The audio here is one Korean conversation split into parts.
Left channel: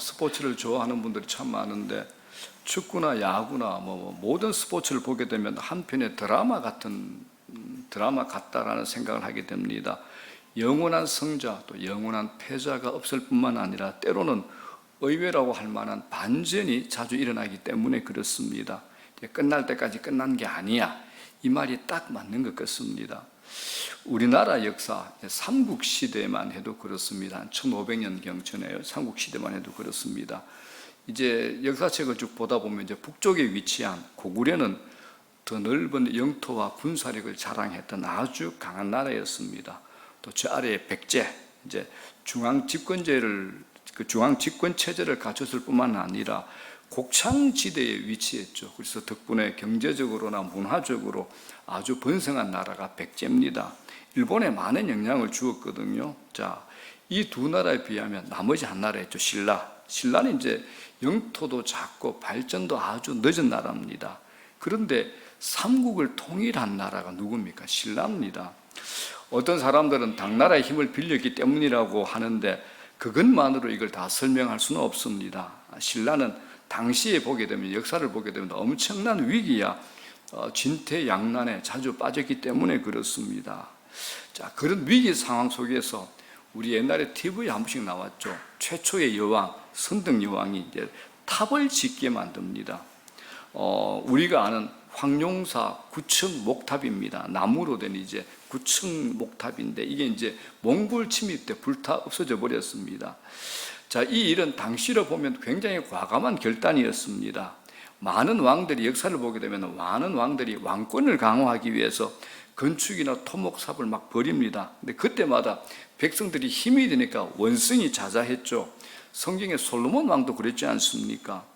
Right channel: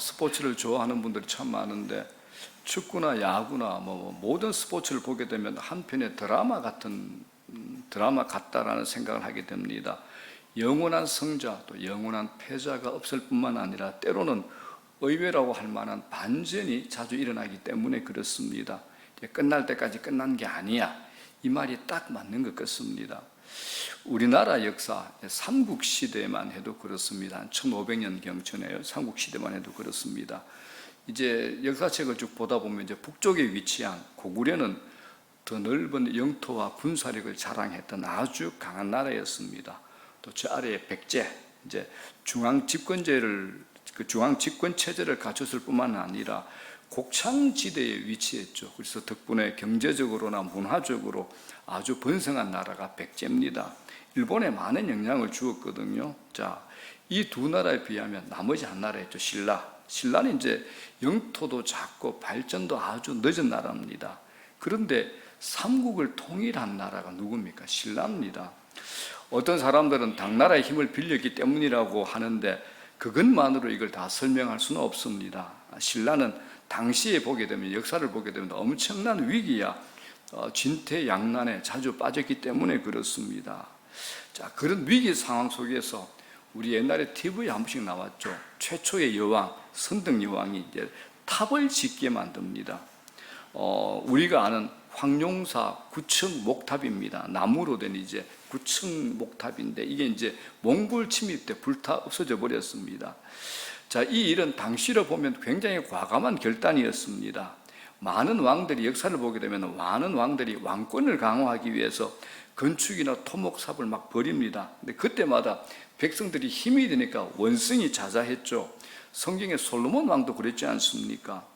스포츠를 좋아하는 분들이 참 많은데 축구나 야구나 모든 스포츠를 보게 되면 한편의 드라마 같다라는 생각을 하게 됩니다. 영원한 승자 또 영원한 패자가 없을 뿐만 아니라 때로는 의외라고 할 만한 반전이 자주 일어나기 때문에 그렇습니다. 끝날 때까지 끝난 게 아니야. 이 말이 딱 맞는 것 같습니다. 우리나라 역사, 삼국시대만 해도 그렇습니다. 1500년 경천에요. 삼국시대만 해도 그렇습니다. 이제 역사책을 쭉 보다 보면 이제 북쪽에 위치한 고구려는 더 넓은 영토와 군사력을 자랑했던 아주 강한 나라였습니다. 또 저 아래에 백제, 이제 중앙 집권 체제를 갖췄을 뿐만 아니라 곡창지대에 위치했죠. 그래서 덕분에 경제적으로나 문화적으로 아주 번성한 나라가 백제입니다. 일본에 많은 영향을 주었거든요. 자, 이 두 나라에 비하면 나머지 한 나라였죠. 신라는 이제 영토도 작고 발전도 아주 늦은 나라입니다. 그런데 삼국을 통일한 나라가 누굽니까? 신라입니다. 어떤 사람들은 당나라의 힘을 빌렸기 때문이라고 하는데 그것만으로 이걸 다 설명할 수는 없습니다. 신라는 당시에 보게 되면, 역사를 보게 되면 엄청난 위기야 진퇴양난에 자주 빠졌기 때문에 그렇습니다. 자, 그런 위기 상황 속에서 우리 옛날에 TV에 한 번씩 나왔죠. 최초의 여왕, 선덕 여왕이 이제 탑을 짓게 만듭니다. 우리가 아는 황룡사 9층 목탑입니다. 나무로 된 이제 9층 목탑인데 이게 이제 몽골 침입 때 불타 없어져 버렸습니다. 자, 이 일은 당시로 보면 굉장히 과감한 결단이었습니다. 많은 왕들이 역사를 보게 되면 많은 왕들이 왕권을 강화하기 위해서 건축이나 토목사업을 막 벌입니다. 근데 그때마다 백성들이 힘이 되니까 원성이 자자했죠. 성경에 솔로몬 왕도 그랬지 않습니까?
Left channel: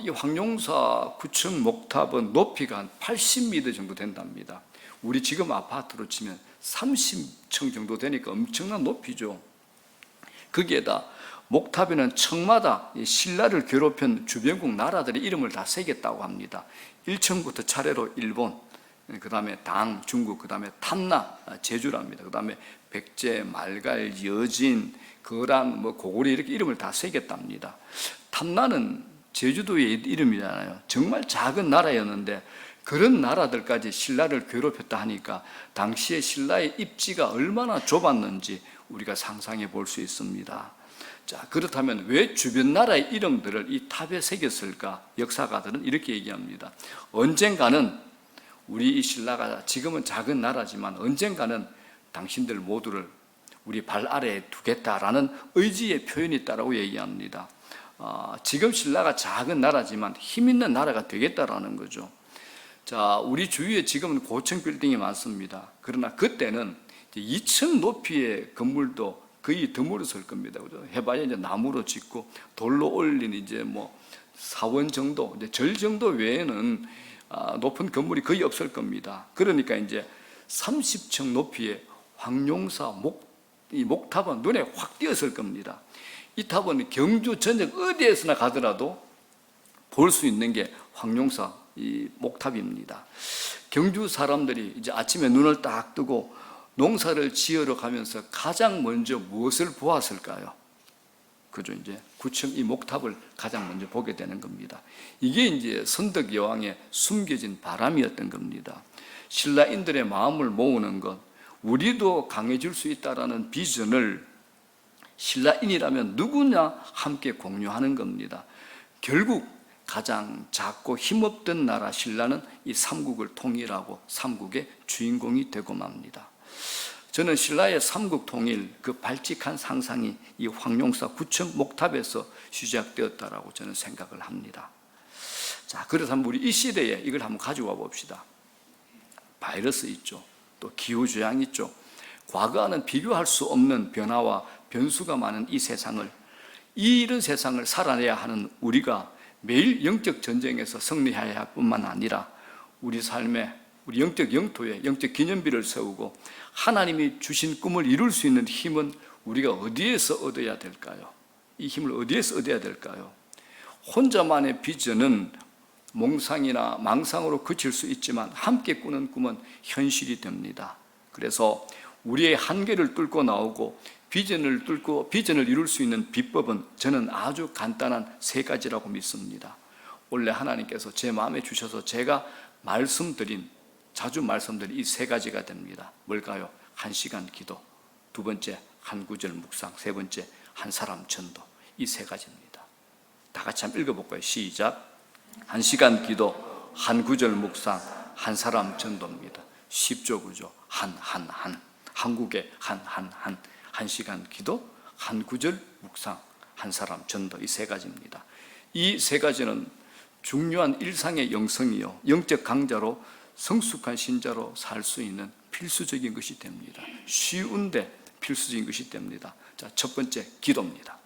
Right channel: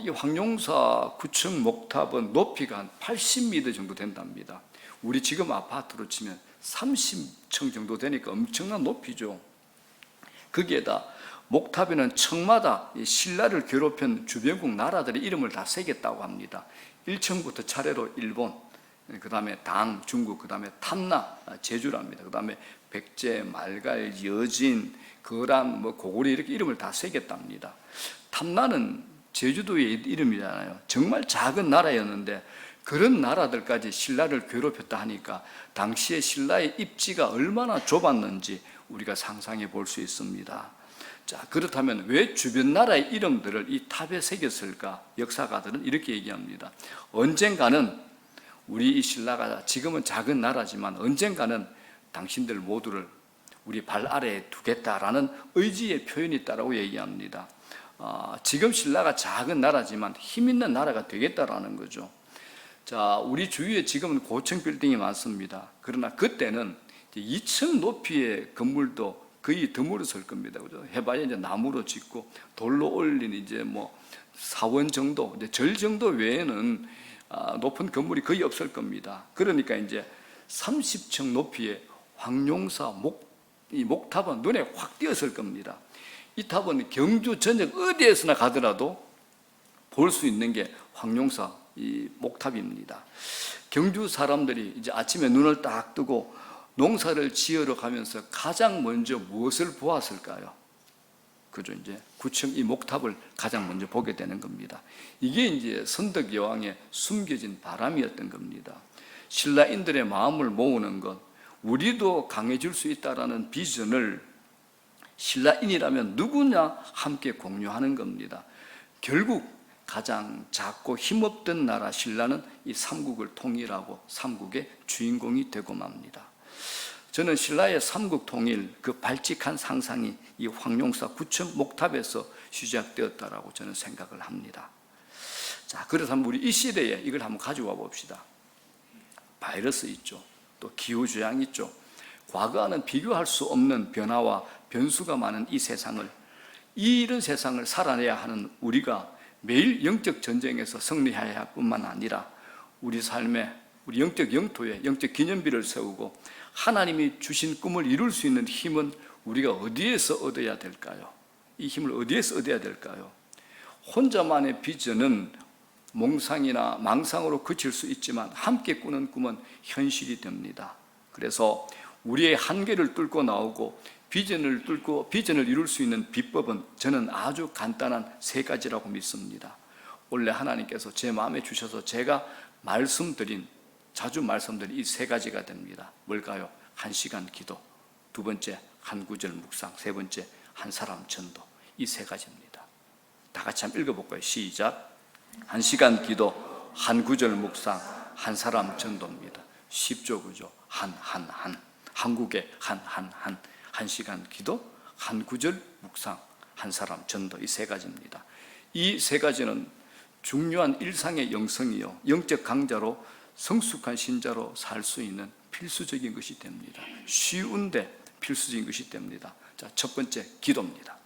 이 황룡사 9층 목탑은 높이가 한 80m 정도 된답니다. 우리 지금 아파트로 치면 30층 정도 되니까 엄청난 높이죠. 거기에다 목탑에는 층마다 신라를 괴롭힌 주변국 나라들의 이름을 다 새겼다고 합니다. 1층부터 차례로 일본, 그 다음에 당, 중국, 그 다음에 탐나, 제주랍니다. 그 다음에 백제, 말갈, 여진, 거란, 고구려 이렇게 이름을 다 새겼답니다. 탐나는 제주도의 이름이잖아요. 정말 작은 나라였는데 그런 나라들까지 신라를 괴롭혔다 하니까 당시에 신라의 입지가 얼마나 좁았는지 우리가 상상해 볼 수 있습니다. 자, 그렇다면 왜 주변 나라의 이름들을 이 탑에 새겼을까? 역사가들은 이렇게 얘기합니다. 언젠가는 우리 이 신라가 지금은 작은 나라지만 언젠가는 당신들 모두를 우리 발 아래에 두겠다라는 의지의 표현이 있다고 얘기합니다. 지금 신라가 작은 나라지만 힘 있는 나라가 되겠다라는 거죠. 자, 우리 주위에 지금은 고층 빌딩이 많습니다. 그러나 그때는 2층 높이의 건물도 거의 드물었을 겁니다. 그죠? 해봐야 이제 나무로 짓고 돌로 올린 이제 사원 정도, 이제 절 정도 외에는 높은 건물이 거의 없을 겁니다. 그러니까 이제 30층 높이의 황룡사 이 목탑은 눈에 확 띄었을 겁니다. 이 탑은 경주 전역 어디에서나 가더라도 볼 수 있는 게 황룡사 이 목탑입니다. 경주 사람들이 이제 아침에 눈을 딱 뜨고 농사를 지으러 가면서 가장 먼저 무엇을 보았을까요? 그죠? 이제 9층 이 목탑을 가장 먼저 보게 되는 겁니다. 이게 이제 선덕 여왕의 숨겨진 바람이었던 겁니다. 신라인들의 마음을 모으는 것, 우리도 강해질 수 있다라는 비전을 신라인이라면 누구나 함께 공유하는 겁니다. 결국 가장 작고 힘없던 나라 신라는 이 삼국을 통일하고 삼국의 주인공이 되고 맙니다. 저는 신라의 삼국 통일 그 발칙한 상상이 이 황룡사 9층 목탑에서 시작되었다라고 저는 생각을 합니다. 자, 그렇다면 우리 이 시대에 이걸 한번 가져와 봅시다. 바이러스 있죠. 또 기후재앙 있죠. 과거와는 비교할 수 없는 변화와 변수가 많은 이 세상을, 이런 세상을 살아내야 하는 우리가 매일 영적 전쟁에서 승리해야 할 뿐만 아니라 우리 삶에, 우리 영적 영토에 영적 기념비를 세우고 하나님이 주신 꿈을 이룰 수 있는 힘은 우리가 어디에서 얻어야 될까요? 이 힘을 어디에서 얻어야 될까요? 혼자만의 비전은 몽상이나 망상으로 그칠 수 있지만 함께 꾸는 꿈은 현실이 됩니다. 그래서 우리의 한계를 뚫고 나오고 비전을 뚫고 비전을 이룰 수 있는 비법은 저는 아주 간단한 세 가지라고 믿습니다. 원래 하나님께서 제 마음에 주셔서 제가 자주 말씀드린 이 세 가지가 됩니다. 뭘까요? 1시간 기도, 두 번째 한 구절 묵상, 세 번째 한 사람 전도. 이 세 가지입니다. 다 같이 한번 읽어볼까요? 시작. 1시간 기도, 한 구절 묵상, 한 사람 전도입니다. 쉽죠, 그죠? 한국의 1시간 기도, 한 구절 묵상, 한 사람 전도. 이 세 가지입니다. 이 세 가지는 중요한 일상의 영성이요, 영적 강자로 성숙한 신자로 살 수 있는 필수적인 것이 됩니다. 쉬운데 필수적인 것이 됩니다. 자, 첫 번째 기도입니다.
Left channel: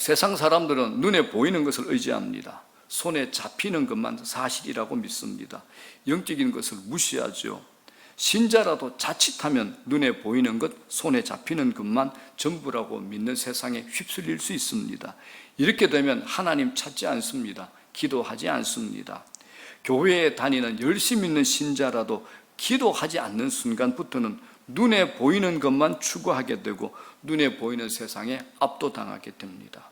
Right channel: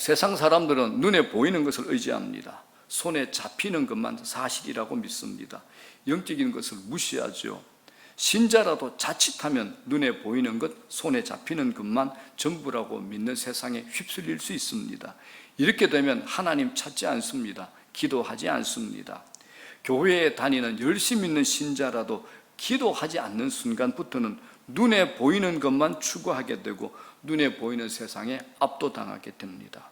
세상 사람들은 눈에 보이는 것을 의지합니다. 손에 잡히는 것만 사실이라고 믿습니다. 영적인 것을 무시하죠. 신자라도 자칫하면 눈에 보이는 것, 손에 잡히는 것만 전부라고 믿는 세상에 휩쓸릴 수 있습니다. 이렇게 되면 하나님 찾지 않습니다. 기도하지 않습니다. 교회에 다니는 열심히 있는 신자라도 기도하지 않는 순간부터는 눈에 보이는 것만 추구하게 되고 눈에 보이는 세상에 압도당하게 됩니다.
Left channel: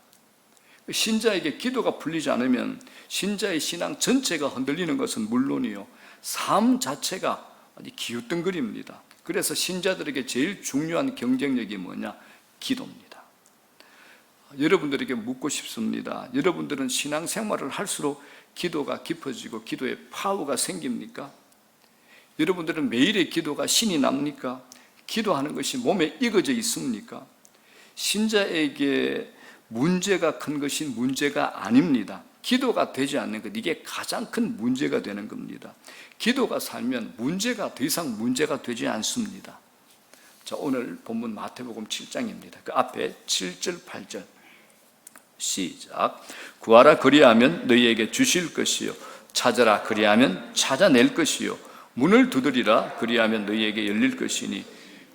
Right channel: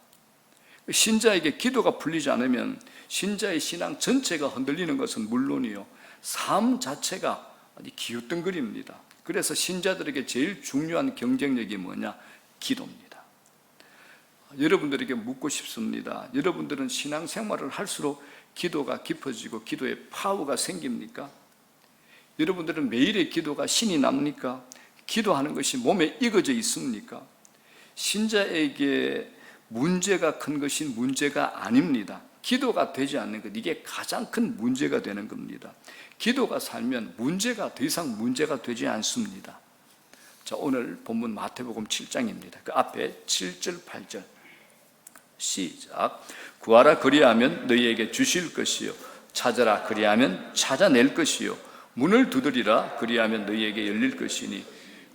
신자에게 기도가 풀리지 않으면 신자의 신앙 전체가 흔들리는 것은 물론이요, 삶 자체가 아주 기웃덩거립니다. 그래서 신자들에게 제일 중요한 경쟁력이 뭐냐? 기도입니다. 여러분들에게 묻고 싶습니다. 여러분들은 신앙생활을 할수록 기도가 깊어지고 기도의 파워가 생깁니까? 여러분들은 매일의 기도가 신이 납니까? 기도하는 것이 몸에 익어져 있습니까? 신자에게 문제가 큰 것이 문제가 아닙니다. 기도가 되지 않는 것, 이게 가장 큰 문제가 되는 겁니다. 기도가 살면 문제가 더 이상 문제가 되지 않습니다. 자, 오늘 본문 마태복음 7장입니다. 그 앞에 7절, 8절 시작. 구하라 그리하면 너희에게 주실 것이요, 찾아라 그리하면 찾아낼 것이요, 문을 두드리라 그리하면 너희에게 열릴 것이니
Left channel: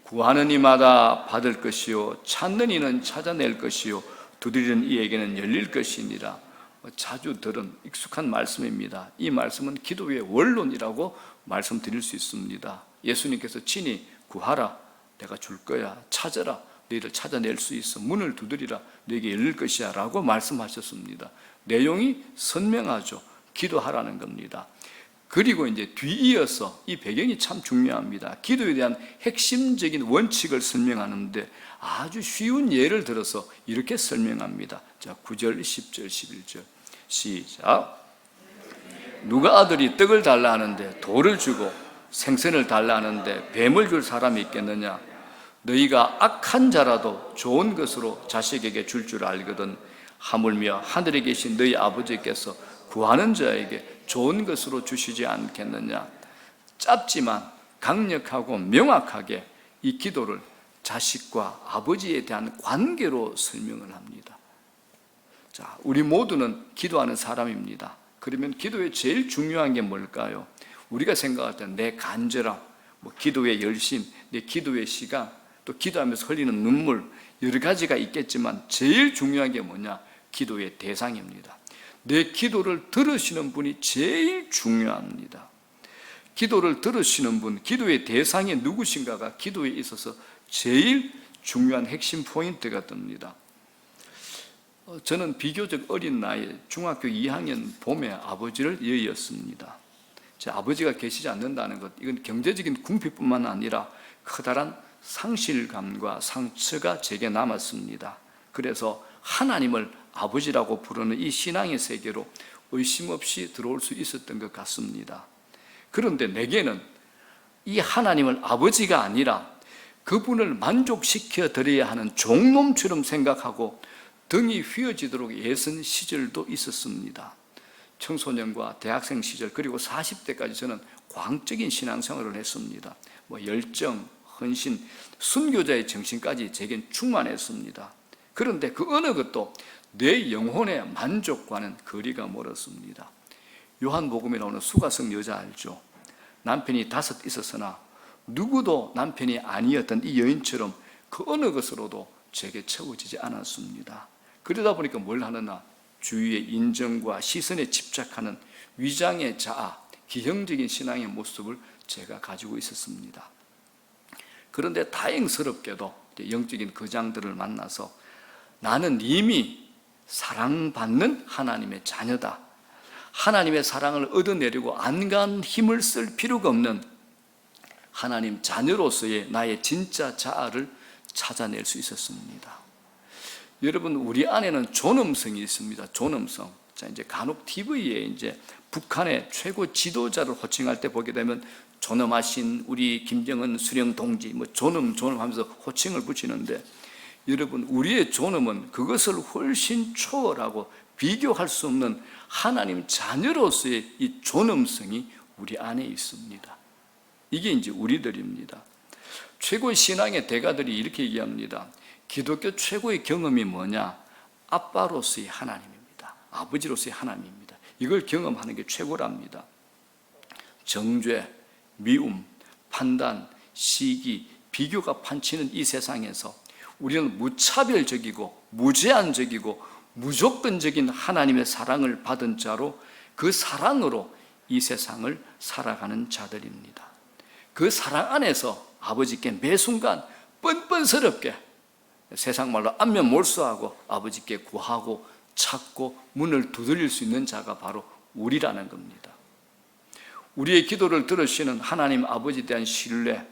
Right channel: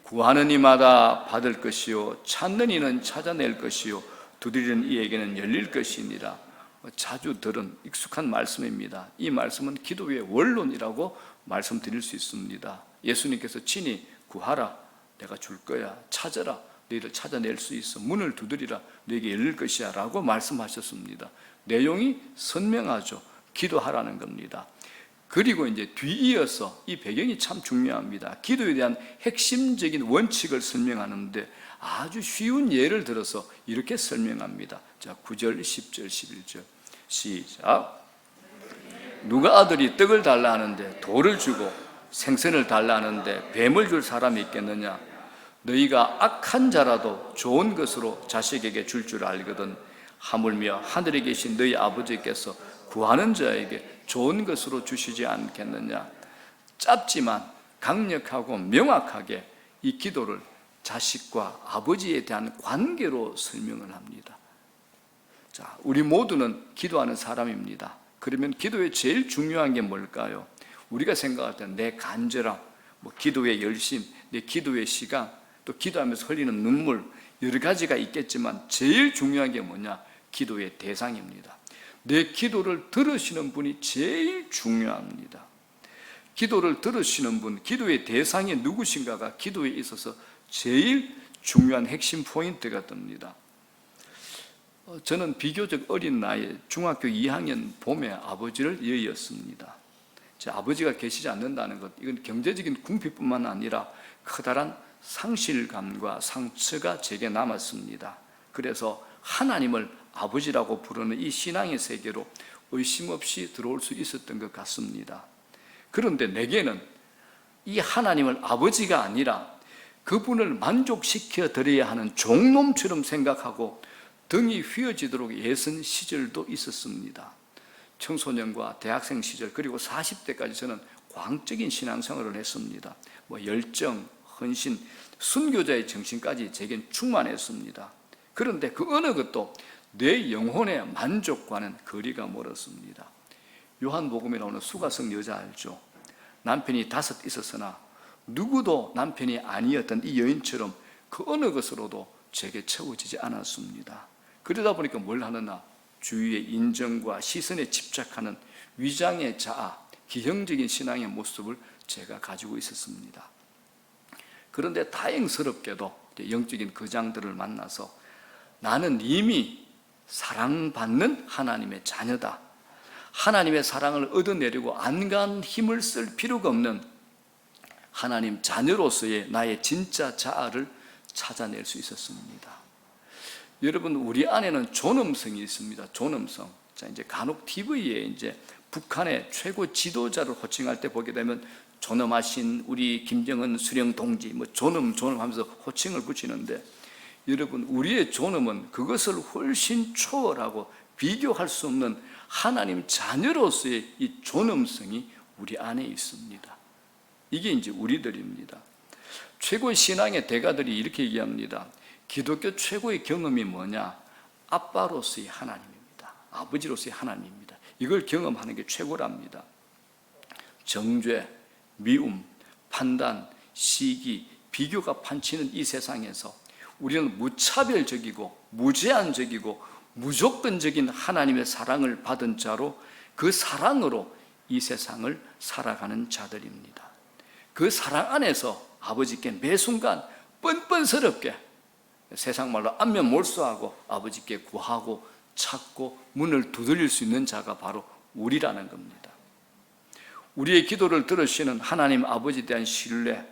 구하는 이마다 받을 것이요, 찾는 이는 찾아낼 것이요, 두드리는 이에게는 열릴 것이니라. 자주 들은 익숙한 말씀입니다. 이 말씀은 기도의 원론이라고 말씀드릴 수 있습니다. 예수님께서 친히 구하라 내가 줄 거야, 찾아라 너희를 찾아낼 수 있어, 문을 두드리라 너에게 열릴 것이야 라고 말씀하셨습니다. 내용이 선명하죠. 기도하라는 겁니다. 그리고 이제 뒤이어서 이 배경이 참 중요합니다. 기도에 대한 핵심적인 원칙을 설명하는데 아주 쉬운 예를 들어서 이렇게 설명합니다. 자, 9절, 10절, 11절 시작. 누가 아들이 떡을 달라 하는데 돌을 주고 생선을 달라 하는데 뱀을 줄 사람이 있겠느냐? 너희가 악한 자라도 좋은 것으로 자식에게 줄 알거든 하물며 하늘에 계신 너희 아버지께서 구하는 자에게 좋은 것으로 주시지 않겠느냐? 짧지만 강력하고 명확하게 이 기도를 자식과 아버지에 대한 관계로 설명을 합니다. 자, 우리 모두는 기도하는 사람입니다. 그러면 기도의 제일 중요한 게 뭘까요? 우리가 생각할 때 내 간절함, 기도의 열심, 내 기도의 시간, 또 기도하면서 흘리는 눈물, 여러 가지가 있겠지만 제일 중요한 게 뭐냐? 기도의 대상입니다. 내 기도를 들으시는 분이 제일 중요합니다. 기도를 들으시는 분, 기도의 대상이 누구신가가 기도에 있어서 제일 중요한 핵심 포인트가 됩니다. 저는 비교적 어린 나이에 중학교 2학년 봄에 아버지를 여의었습니다. 제 아버지가 계시지 않는다는 것, 이건 경제적인 궁핍뿐만 아니라 커다란 상실감과 상처가 제게 남았습니다. 그래서 하나님을 아버지라고 부르는 이 신앙의 세계로 의심 없이 들어올 수 있었던 것 같습니다. 그런데 내게는 이 하나님을 아버지가 아니라 그분을 만족시켜 드려야 하는 종놈처럼 생각하고 등이 휘어지도록 애쓴 시절도 있었습니다. 청소년과 대학생 시절 그리고 40대까지 저는 광적인 신앙생활을 했습니다. 열정, 헌신, 순교자의 정신까지 제겐 충만했습니다. 그런데 그 어느 것도 내 영혼의 만족과는 거리가 멀었습니다. 요한복음에 나오는 수가성 여자 알죠? 남편이 5 있었으나 누구도 남편이 아니었던 이 여인처럼 그 어느 것으로도 제게 채워지지 않았습니다. 그러다 보니까 뭘 하느냐? 주위의 인정과 시선에 집착하는 위장의 자아, 기형적인 신앙의 모습을 제가 가지고 있었습니다. 그런데 다행스럽게도 영적인 거장들을 만나서 나는 이미 사랑받는 하나님의 자녀다. 하나님의 사랑을 얻어내려고 안간 힘을 쓸 필요가 없는 하나님 자녀로서의 나의 진짜 자아를 찾아낼 수 있었습니다. 여러분, 우리 안에는 존엄성이 있습니다. 존엄성. 자, 이제 간혹 TV에 이제 북한의 최고 지도자를 호칭할 때 보게 되면 존엄하신 우리 김정은 수령 동지, 뭐 존엄 하면서 호칭을 붙이는데, 여러분, 우리의 존엄은 그것을 훨씬 초월하고 비교할 수 없는 하나님 자녀로서의 이 존엄성이 우리 안에 있습니다. 이게 이제 우리들입니다. 최고 신앙의 대가들이 이렇게 얘기합니다. 기독교 최고의 경험이 뭐냐? 아빠로서의 하나님입니다. 아버지로서의 하나님입니다. 이걸 경험하는 게 최고랍니다. 정죄, 미움, 판단, 시기, 비교가 판치는 이 세상에서 우리는 무차별적이고 무제한적이고 무조건적인 하나님의 사랑을 받은 자로 그 사랑으로 이 세상을 살아가는 자들입니다. 그 사랑 안에서 아버지께 매 순간 뻔뻔스럽게 세상 말로 안면 몰수하고 아버지께 구하고 찾고 문을 두드릴 수 있는 자가 바로 우리라는 겁니다. 우리의 기도를 들으시는 하나님 아버지에 대한 신뢰,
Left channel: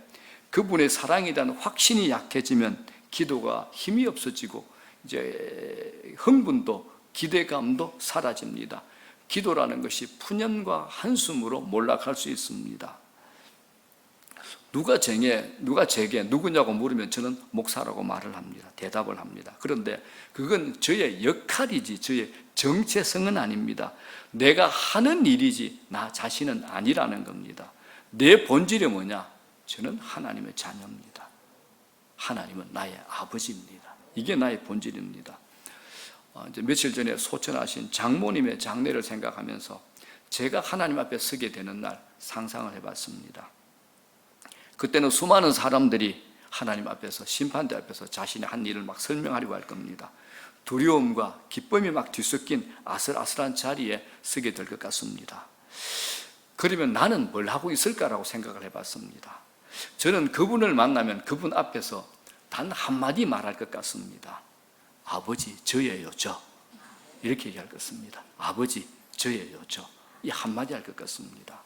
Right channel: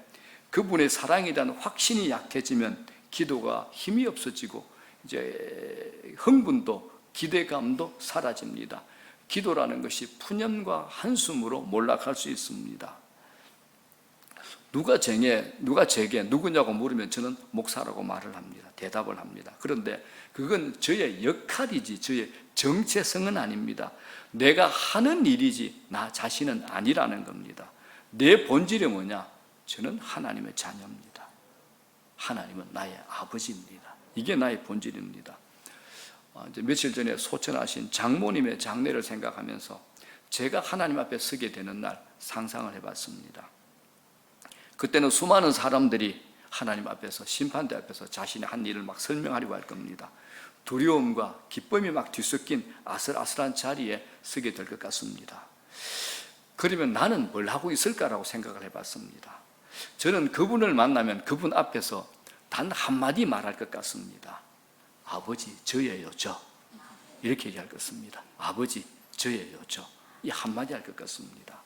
그분의 사랑에 대한 확신이 약해지면 기도가 힘이 없어지고 이제 흥분도 기대감도 사라집니다. 기도라는 것이 푸념과 한숨으로 몰락할 수 있습니다. 누가 제게 누구냐고 물으면 저는 목사라고 말을 합니다. 대답을 합니다. 그런데 그건 저의 역할이지 저의 정체성은 아닙니다. 내가 하는 일이지 나 자신은 아니라는 겁니다. 내 본질이 뭐냐? 저는 하나님의 자녀입니다. 하나님은 나의 아버지입니다. 이게 나의 본질입니다. 이제 며칠 전에 소천하신 장모님의 장례를 생각하면서 제가 하나님 앞에 서게 되는 날 상상을 해봤습니다. 그때는 수많은 사람들이 하나님 앞에서 심판대 앞에서 자신의 한 일을 막 설명하려고 할 겁니다. 두려움과 기쁨이 막 뒤섞인 아슬아슬한 자리에 서게 될 것 같습니다. 그러면 나는 뭘 하고 있을까라고 생각을 해봤습니다. 저는 그분을 만나면 그분 앞에서 단 한마디 말할 것 같습니다. 아버지, 저예요, 저. 이렇게 얘기할 것 같습니다. 아버지, 저예요, 저. 이 한마디 할 것 같습니다.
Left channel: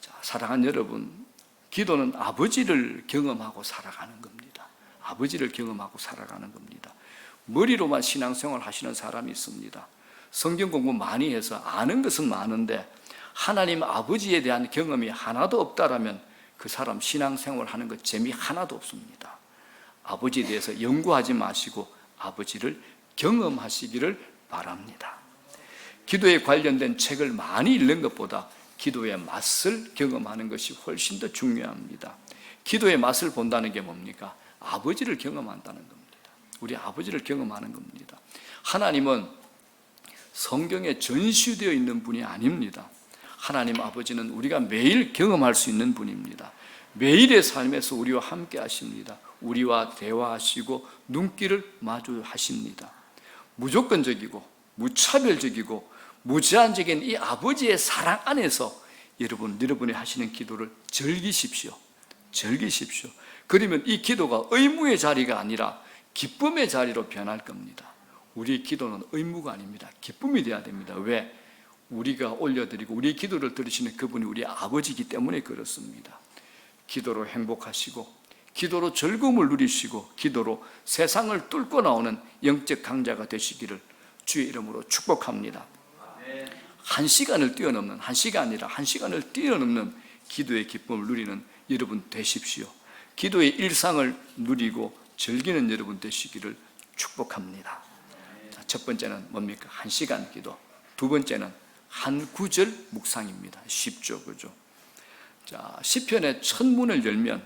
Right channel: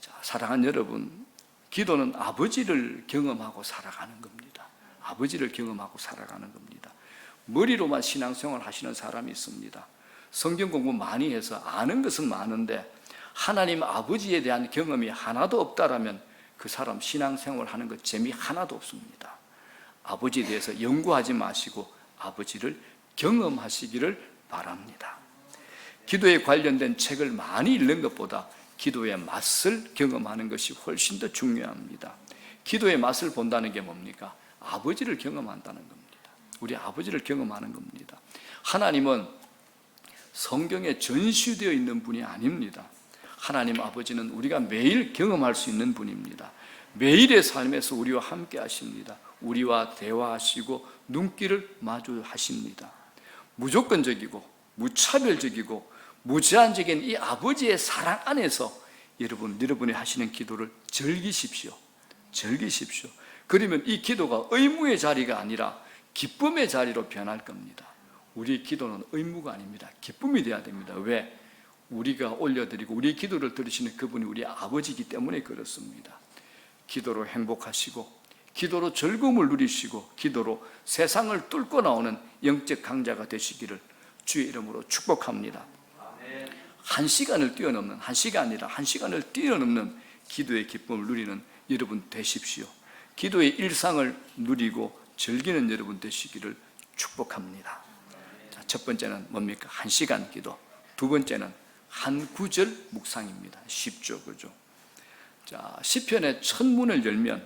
자, 사랑하는 여러분, 기도는 아버지를 경험하고 살아가는 겁니다. 아버지를 경험하고 살아가는 겁니다. 머리로만 신앙생활 하시는 사람이 있습니다. 성경 공부 많이 해서 아는 것은 많은데 하나님 아버지에 대한 경험이 하나도 없다라면 그 사람 신앙생활 하는 것 재미 하나도 없습니다. 아버지에 대해서 연구하지 마시고 아버지를 경험하시기를 바랍니다. 기도에 관련된 책을 많이 읽는 것보다 기도의 맛을 경험하는 것이 훨씬 더 중요합니다. 기도의 맛을 본다는 게 뭡니까? 아버지를 경험한다는 겁니다. 우리 아버지를 경험하는 겁니다. 하나님은 성경에 전시되어 있는 분이 아닙니다. 하나님 아버지는 우리가 매일 경험할 수 있는 분입니다. 매일의 삶에서 우리와 함께 하십니다. 우리와 대화하시고 눈길을 마주하십니다. 무조건적이고 무차별적이고 무제한적인 이 아버지의 사랑 안에서 여러분이 하시는 기도를 즐기십시오. 즐기십시오. 그러면 이 기도가 의무의 자리가 아니라 기쁨의 자리로 변할 겁니다. 우리의 기도는 의무가 아닙니다. 기쁨이 되어야 됩니다. 왜? 우리가 올려드리고 우리의 기도를 들으시는 그분이 우리 아버지이기 때문에 그렇습니다. 기도로 행복하시고 기도로 즐거움을 누리시고 기도로 세상을 뚫고 나오는 영적 강자가 되시기를 주의 이름으로 축복합니다. 한 시간을 뛰어넘는, 한 시간이 아니라 한 시간을 뛰어넘는 기도의 기쁨을 누리는 여러분 되십시오. 기도의 일상을 누리고 즐기는 여러분 되시기를 축복합니다. 자, 첫 번째는 뭡니까? 한 시간 기도. 두 번째는 한 구절 묵상입니다. 쉽죠, 그죠? 자, 시편의 첫 문을 열면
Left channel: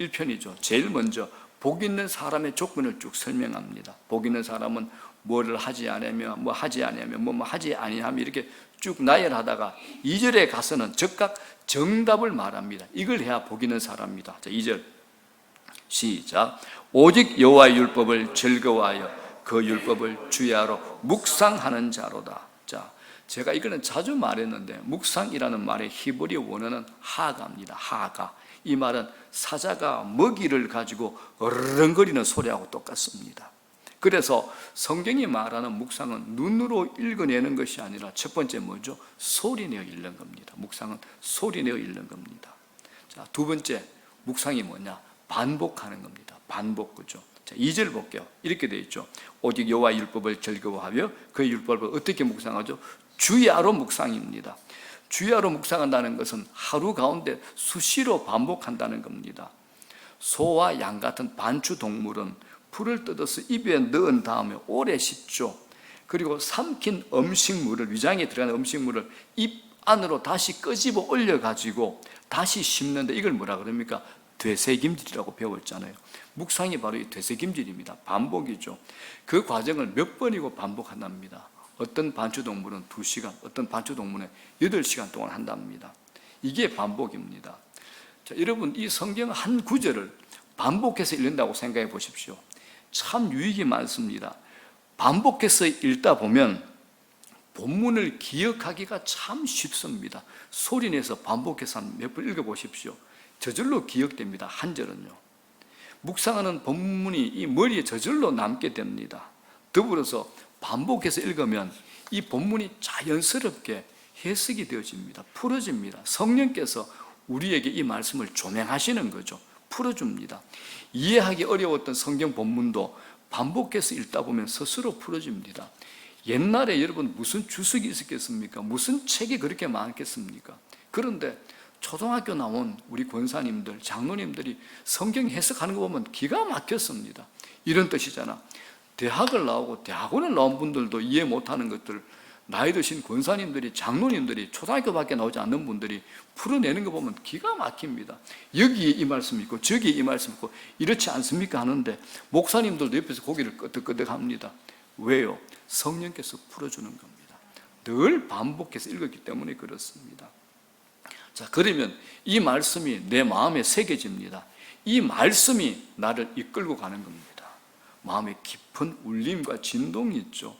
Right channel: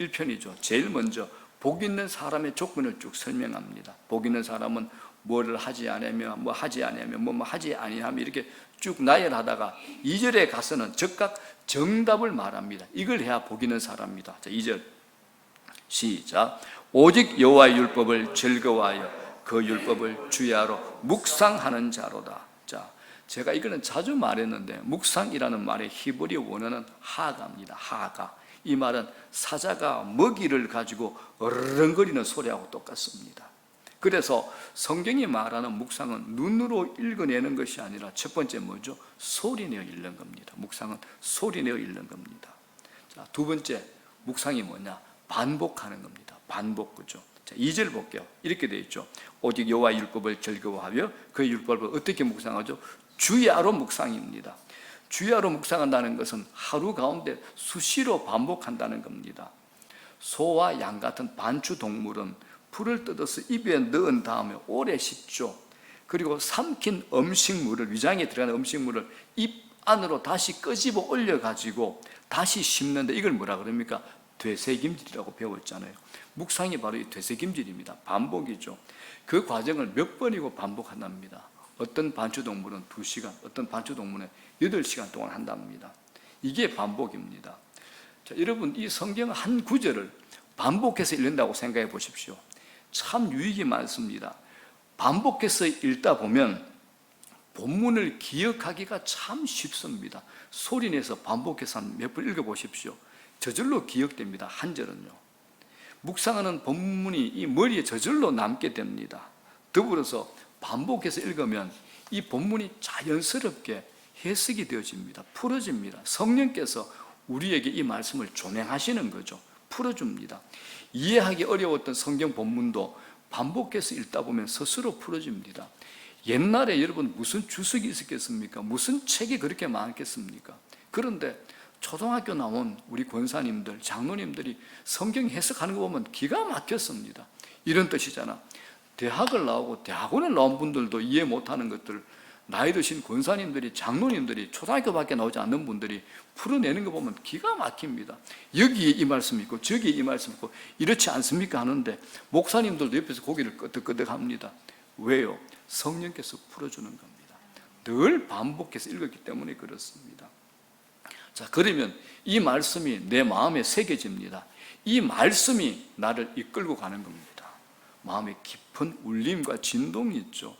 1편이죠. 제일 먼저 복 있는 사람의 조건을 쭉 설명합니다. 복 있는 사람은 뭐를 하지 않으며 뭐 하지 않으면 뭐 하지 아니하며 이렇게 쭉 나열하다가 2절에 가서는 즉각 정답을 말합니다. 이걸 해야 복 있는 사람입니다. 자, 2절 시작. 오직 여호와의 율법을 즐거워하여 그 율법을 주야로 묵상하는 자로다. 자, 제가 이거는 자주 말했는데 묵상이라는 말의 히브리 원어는 하가입니다. 하가. 이 말은 사자가 먹이를 가지고 어르렁거리는 소리하고 똑같습니다. 그래서 성경이 말하는 묵상은 눈으로 읽어내는 것이 아니라 첫 번째 뭐죠? 소리내어 읽는 겁니다. 묵상은 소리내어 읽는 겁니다. 자, 두 번째 묵상이 뭐냐? 반복하는 겁니다. 반복, 그죠? 자, 2절 볼게요. 이렇게 되어 있죠. 오직 여호와 율법을 즐거워하며 그 율법을 어떻게 묵상하죠? 주야로 묵상입니다. 주야로 묵상한다는 것은 하루 가운데 수시로 반복한다는 겁니다. 소와 양 같은 반추 동물은 풀을 뜯어서 입에 넣은 다음에 오래 씹죠. 그리고 삼킨 음식물을, 위장에 들어가는 음식물을 입 안으로 다시 끄집어 올려가지고 다시 씹는데 이걸 뭐라 그럽니까? 되새김질이라고 배웠잖아요. 묵상이 바로 이 되새김질입니다. 반복이죠. 그 과정을 몇 번이고 반복한답니다. 어떤 반추동물은 2시간, 어떤 반추동물은 8시간 동안 한답니다. 이게 반복입니다. 자, 여러분, 이 성경 한 구절을 반복해서 읽는다고 생각해 보십시오. 참 유익이 많습니다. 반복해서 읽다 보면 본문을 기억하기가 참 쉽습니다. 소리내서 반복해서 몇 번 읽어보십시오. 저절로 기억됩니다. 한 절은요. 묵상하는 본문이 이 머리에 저절로 남게 됩니다. 더불어서 반복해서 읽으면 이 본문이 자연스럽게 해석이 되어집니다. 풀어집니다. 성령께서 우리에게 이 말씀을 조명하시는 거죠. 풀어줍니다. 이해하기 어려웠던 성경 본문도 반복해서 읽다 보면 스스로 풀어집니다. 옛날에 여러분 무슨 주석이 있었겠습니까? 무슨 책이 그렇게 많겠습니까? 그런데 초등학교 나온 우리 권사님들, 장로님들이 성경 해석하는 거 보면 기가 막혔습니다. 이런 뜻이잖아. 대학을 나오고 대학원을 나온 분들도 이해 못하는 것들, 나이 드신 권사님들이, 장로님들이, 초등학교밖에 나오지 않는 분들이 풀어내는 거 보면 기가 막힙니다. 여기에 이 말씀이 있고 저기에 이 말씀이 있고 이렇지 않습니까 하는데 목사님들도 옆에서 고개를 끄덕끄덕합니다. 왜요? 성령께서 풀어주는 겁니다. 늘 반복해서 읽었기 때문에 그렇습니다. 자, 그러면 이 말씀이 내 마음에 새겨집니다. 이 말씀이 나를 이끌고 가는 겁니다. 마음에 깊은 울림과 진동이 있죠.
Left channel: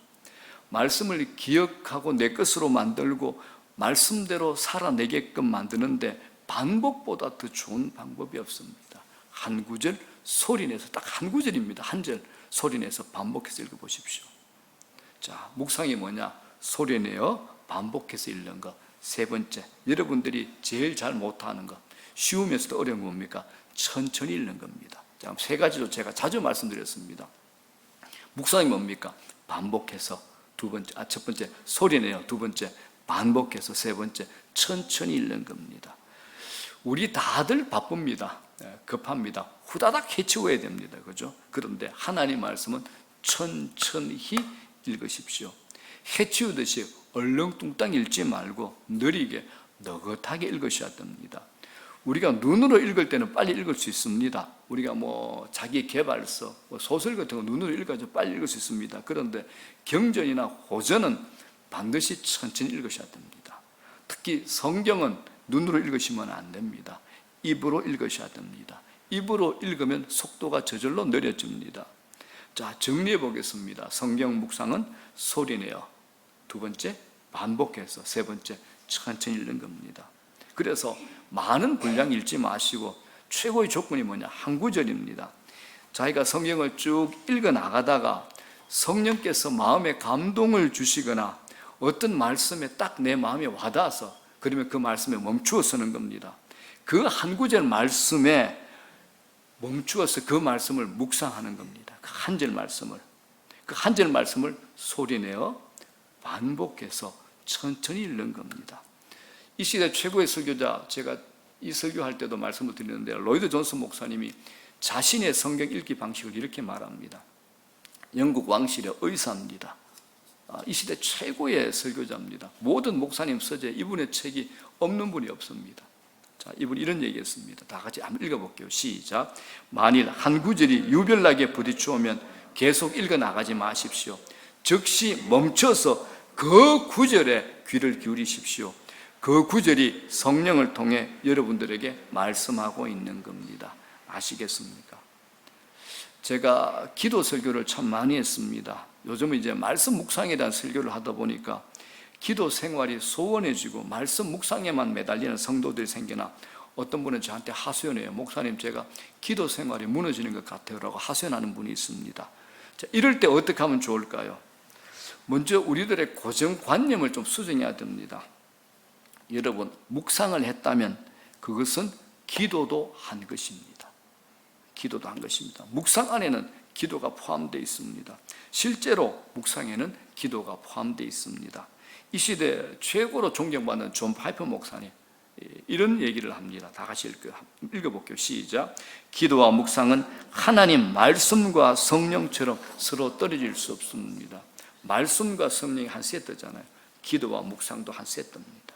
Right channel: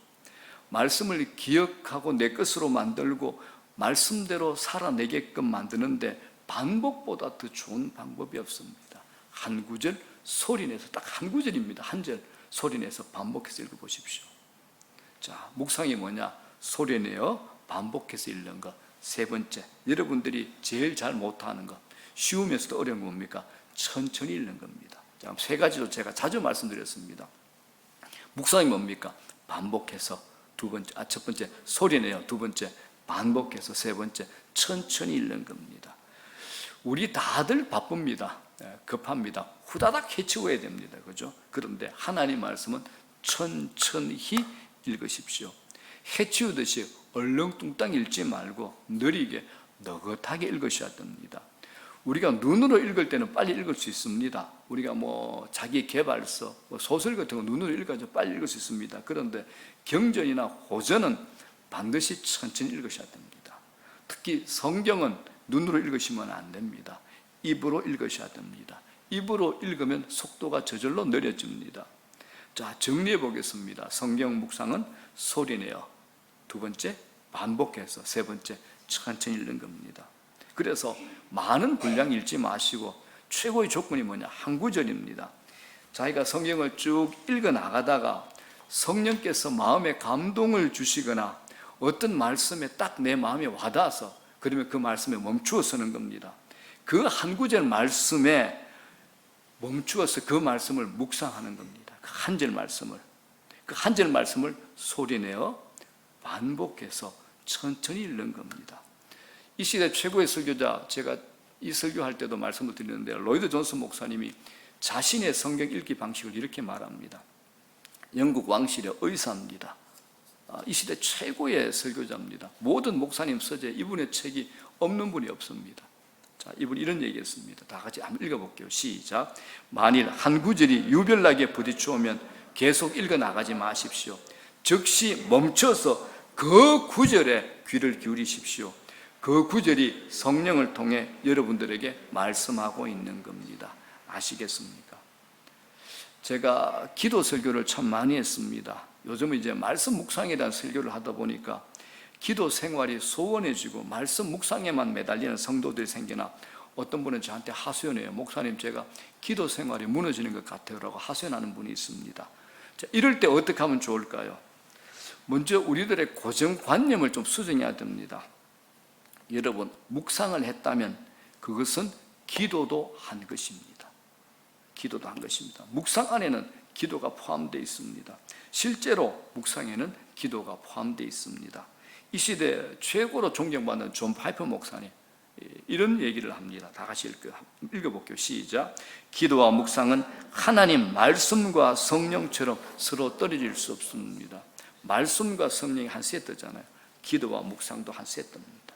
말씀을 기억하고 내 것으로 만들고 말씀대로 살아내게끔 만드는데 반복보다 더 좋은 방법이 없습니다. 한 구절 소리내서, 딱 한 구절입니다. 한 절 소리내서 반복해서 읽어보십시오. 자, 묵상이 뭐냐? 소리내어 반복해서 읽는 것. 세 번째, 여러분들이 제일 잘 못하는 것, 쉬우면서도 어려운 건 뭡니까? 천천히 읽는 겁니다. 자, 세 가지로 제가 자주 말씀드렸습니다. 묵상이 뭡니까? 반복해서. 첫 번째 소리내요. 두 번째 반복해서. 세 번째 천천히 읽는 겁니다. 우리 다들 바쁩니다. 급합니다. 후다닥 해치워야 됩니다. 그죠? 그런데 하나님 말씀은 천천히 읽으십시오. 해치우듯이 얼렁뚱땅 읽지 말고 느리게 느긋하게 읽으셔야 됩니다. 우리가 눈으로 읽을 때는 빨리 읽을 수 있습니다. 우리가 자기 개발서, 소설 같은 거 눈으로 읽어서 빨리 읽을 수 있습니다. 그런데 경전이나 호전은 반드시 천천히 읽으셔야 됩니다. 특히 성경은 눈으로 읽으시면 안 됩니다. 입으로 읽으셔야 됩니다. 입으로 읽으면 속도가 저절로 느려집니다. 자, 정리해 보겠습니다. 성경 묵상은 소리내어, 두 번째 반복해서, 세 번째 천천히 읽는 겁니다. 그래서 많은 분량 읽지 마시고 최고의 조건이 뭐냐? 한 구절입니다. 자기가 성경을 쭉 읽어 나가다가 성령께서 마음에 감동을 주시거나 어떤 말씀에 딱 내 마음에 와닿아서 그러면 그 말씀에 멈추어 서는 겁니다. 그 한 구절 말씀에 멈추어서 그 말씀을 묵상하는 겁니다. 그 한 절 말씀을. 그 한 절 말씀을 소리내어 반복해서 천천히 읽는 겁니다. 이 시대 최고의 설교자, 제가 이 설교할 때도 말씀을 드리는데 로이드 존슨 목사님이 자신의 성경 읽기 방식을 이렇게 말합니다. 영국 왕실의 의사입니다. 이 시대 최고의 설교자입니다. 모든 목사님 서재 이분의 책이 없는 분이 없습니다. 자, 이분이 이런 얘기했습니다. 다 같이 한번 읽어볼게요. 시작. 만일 한 구절이 유별나게 부딪혀오면 계속 읽어나가지 마십시오. 즉시 멈춰서 그 구절에 귀를 기울이십시오. 그 구절이 성령을 통해 여러분들에게 말씀하고 있는 겁니다. 아시겠습니까? 제가 기도 설교를 참 많이 했습니다. 요즘은 이제 말씀 묵상에 대한 설교를 하다 보니까 기도 생활이 소원해지고 말씀 묵상에만 매달리는 성도들이 생겨나 어떤 분은 저한테 하소연해요. 목사님, 제가 기도 생활이 무너지는 것 같아요 라고 하소연하는 분이 있습니다. 자, 이럴 때 어떻게 하면 좋을까요? 먼저 우리들의 고정관념을 좀 수정해야 됩니다. 여러분, 묵상을 했다면 그것은 기도도 한 것입니다. 기도도 한 것입니다. 묵상 안에는 기도가 포함되어 있습니다. 실제로 묵상에는 기도가 포함되어 있습니다. 이 시대 최고로 존경받는 존 파이퍼 목사님 이런 얘기를 합니다. 다 같이 읽어볼게요. 시작. 기도와 묵상은 하나님 말씀과 성령처럼 서로 떨어질 수 없습니다. 말씀과 성령이 한 세트잖아요. 기도와 묵상도 한 세트입니다.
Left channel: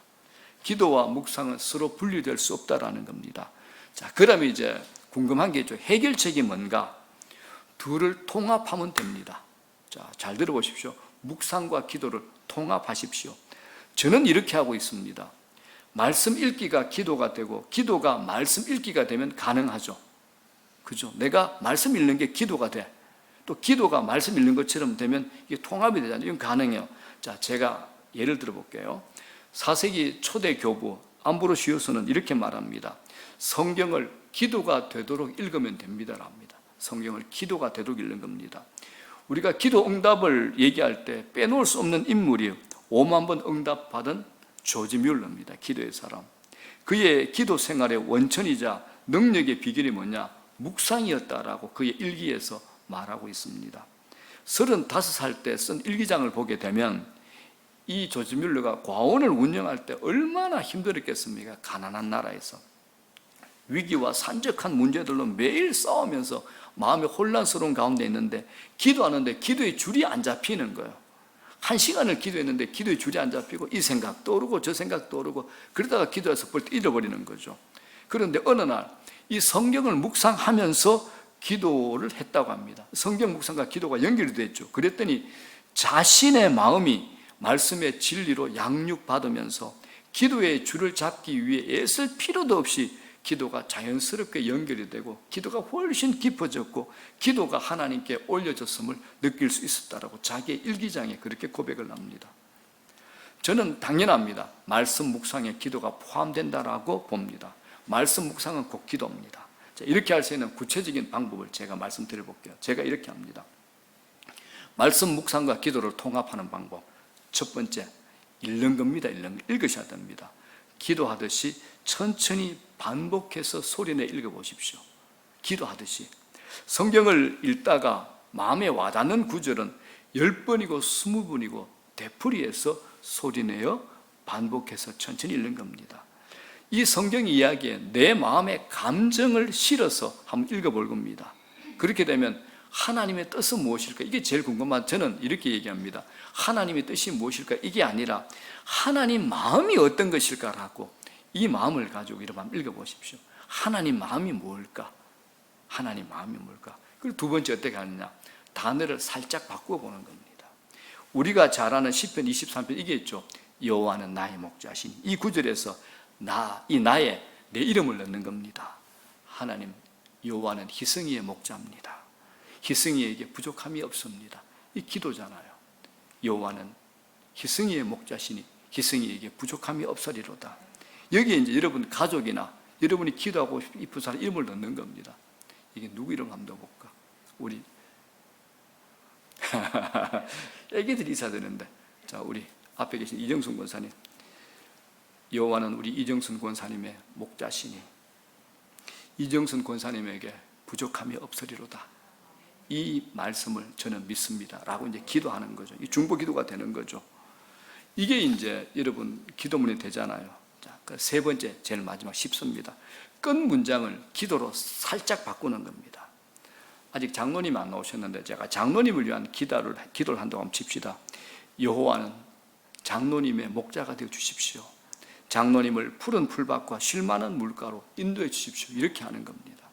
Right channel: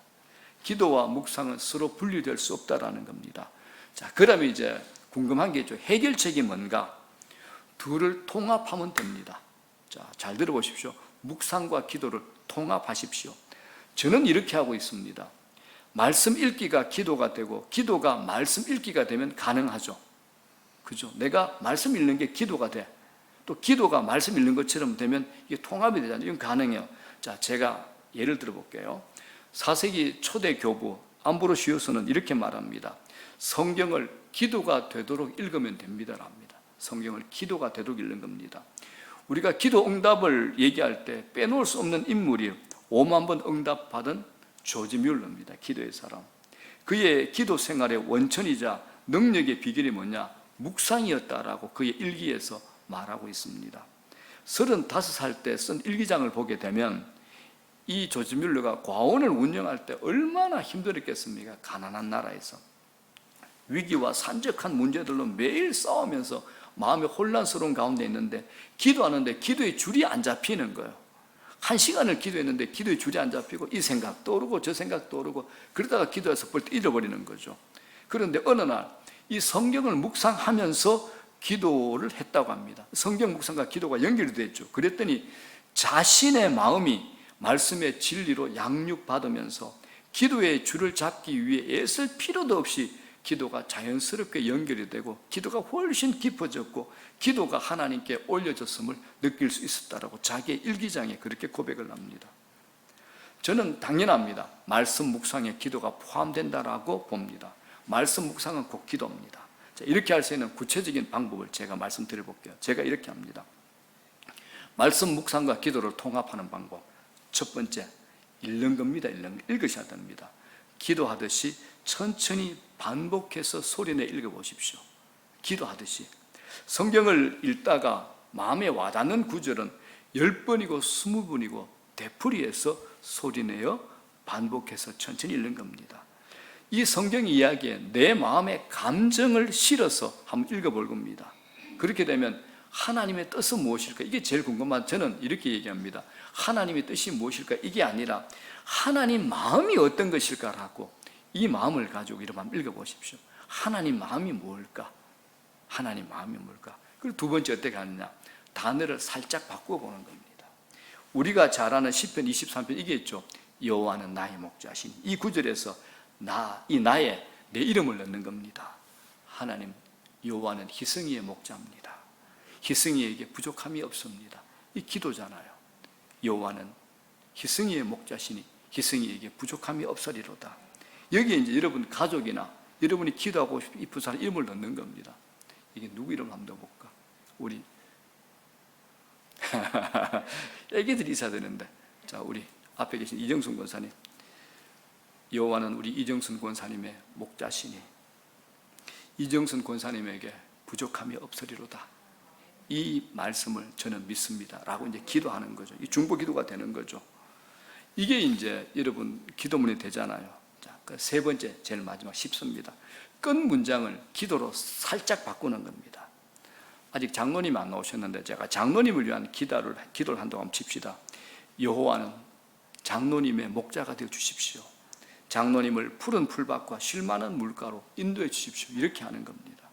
기도와 묵상은 서로 분리될 수 없다라는 겁니다. 자, 그러면 이제 궁금한 게 있죠. 해결책이 뭔가? 둘을 통합하면 됩니다. 자, 잘 들어보십시오. 묵상과 기도를 통합하십시오. 저는 이렇게 하고 있습니다. 말씀 읽기가 기도가 되고 기도가 말씀 읽기가 되면 가능하죠. 그죠? 내가 말씀 읽는 게 기도가 돼. 또 기도가 말씀 읽는 것처럼 되면 이게 통합이 되잖아요. 이건 가능해요. 자, 제가 예를 들어 볼게요. 4세기 초대 교부 암브로시우스는 이렇게 말합니다. 성경을 기도가 되도록 읽으면 됩니다랍니다. 성경을 기도가 되도록 읽는 겁니다. 우리가 기도 응답을 얘기할 때 빼놓을 수 없는 인물이 5만 번 응답받은 조지 뮬러입니다. 기도의 사람. 그의 기도 생활의 원천이자 능력의 비결이 뭐냐? 묵상이었다라고 그의 일기에서 말하고 있습니다. 35살 때 쓴 일기장을 보게 되면 이 조지 뮬러가 과원을 운영할 때 얼마나 힘들었겠습니까? 가난한 나라에서. 위기와 산적한 문제들로 매일 싸우면서 마음이 혼란스러운 가운데 있는데 기도하는데 기도의 줄이 안 잡히는 거예요. 1시간을 기도했는데 기도의 줄이 안 잡히고 이 생각 떠오르고 저 생각 떠오르고 그러다가 기도해서 벌떡 잃어버리는 거죠. 그런데 어느 날 이 성경을 묵상하면서 기도를 했다고 합니다. 성경 묵상과 기도가 연결이 됐죠. 그랬더니 자신의 마음이 말씀의 진리로 양육받으면서 기도의 줄을 잡기 위해 애쓸 필요도 없이 기도가 자연스럽게 연결이 되고 기도가 훨씬 깊어졌고 기도가 하나님께 올려졌음을 느낄 수 있었다라고 자기의 일기장에 그렇게 고백을 합니다. 저는 당연합니다. 말씀 묵상에 기도가 포함된다라고 봅니다. 말씀 묵상은 곧 기도입니다. 자, 이렇게 할 수 있는 구체적인 방법을 제가 말씀드려 볼게요. 제가 이렇게 합니다. 말씀 묵상과 기도를 통합하는 방법. 첫 번째, 읽는 겁니다. 읽으셔야 됩니다. 기도하듯이 천천히 반복해서 소리내 읽어보십시오. 기도하듯이. 성경을 읽다가 마음에 와닿는 구절은 10번이고 20번이고 되풀이해서 소리내어 반복해서 천천히 읽는 겁니다. 이 성경 이야기에 내 마음의 감정을 실어서 한번 읽어볼 겁니다. 그렇게 되면 하나님의 뜻은 무엇일까? 이게 제일 궁금한, 저는 이렇게 얘기합니다. 하나님의 뜻이 무엇일까? 이게 아니라 하나님 마음이 어떤 것일까라고 이 마음을 가지고 이렇게 한번 읽어보십시오. 하나님 마음이 뭘까? 하나님 마음이 뭘까? 그리고 두 번째 어떻게 하느냐? 단어를 살짝 바꾸어 보는 겁니다. 우리가 잘 아는 시편 23편 이게 있죠. 여호와는 나의 목자시니. 이 구절에서 이 나에 내 이름을 넣는 겁니다. 하나님 여호와는 희승이의 목자입니다. 희승이에게 부족함이 없습니다. 이 기도잖아요. 여호와는 희승이의 목자시니 희승이에게 부족함이 없으리로다. 여기에 이제 여러분 가족이나 여러분이 기도하고 싶은 사람 이름을 넣는 겁니다. 이게 누구 이름 한번 넣어볼까? 우리 애기들이 있어야 되는데, 자, 우리 앞에 계신 이정순 권사님. 여호와는 우리 이정순 권사님의 목자시니 이정순 권사님에게 부족함이 없으리로다. 이 말씀을 저는 믿습니다. 라고 이제 기도하는 거죠. 이 중보 기도가 되는 거죠. 이게 이제 여러분 기도문이 되잖아요. 자, 그 세 번째, 제일 마지막 쉽습니다. 끝 문장을 기도로 살짝 바꾸는 겁니다. 아직 장로님 안 나오셨는데 제가 장로님을 위한 기도를 한동안 칩시다. 여호와는 장로님의 목자가 되어 주십시오. 장로님을 푸른 풀밭과 쉴만한 물가로 인도해 주십시오. 이렇게 하는 겁니다.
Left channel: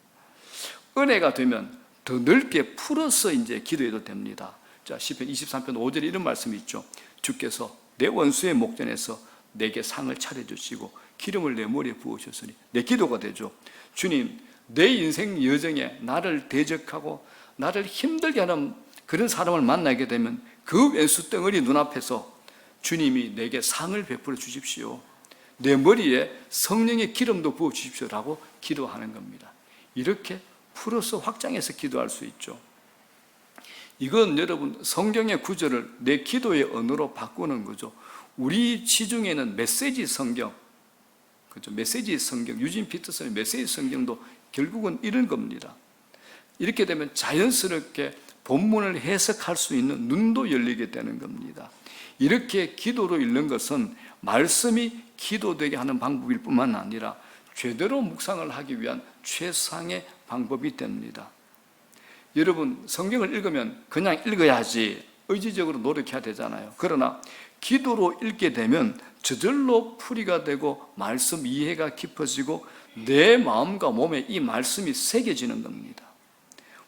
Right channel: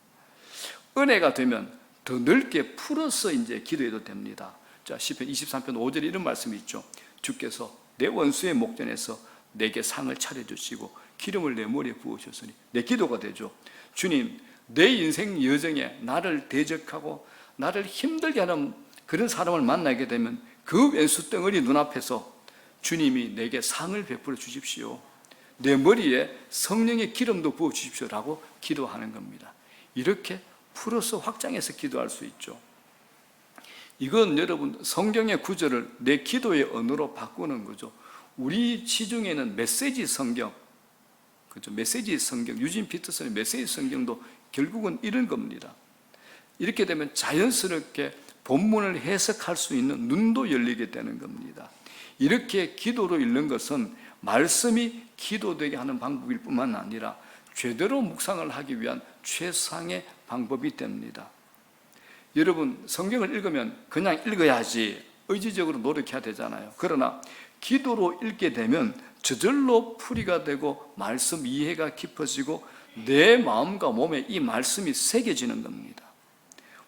은혜가 되면 더 넓게 풀어서 이제 기도해도 됩니다. 자, 시편 23편 5절에 이런 말씀이 있죠. 주께서 내 원수의 목전에서 내게 상을 차려주시고 기름을 내 머리에 부으셨으니 내 기도가 되죠. 주님, 내 인생 여정에 나를 대적하고 나를 힘들게 하는 그런 사람을 만나게 되면 그 왼수 덩어리 눈앞에서 주님이 내게 상을 베풀어 주십시오. 내 머리에 성령의 기름도 부어 주십시오라고 기도하는 겁니다. 이렇게 풀어서 확장해서 기도할 수 있죠. 이건 여러분 성경의 구절을 내 기도의 언어로 바꾸는 거죠. 우리 시중에는 메시지 성경, 그죠? 메시지 성경, 유진 피터슨의 메시지 성경도 결국은 이런 겁니다. 이렇게 되면 자연스럽게 본문을 해석할 수 있는 눈도 열리게 되는 겁니다. 이렇게 기도로 읽는 것은 말씀이 기도되게 하는 방법일 뿐만 아니라 제대로 묵상을 하기 위한 최상의 방법이 됩니다. 여러분 성경을 읽으면 그냥 읽어야지 의지적으로 노력해야 되잖아요. 그러나 기도로 읽게 되면 저절로 풀이가 되고 말씀 이해가 깊어지고 내 마음과 몸에 이 말씀이 새겨지는 겁니다.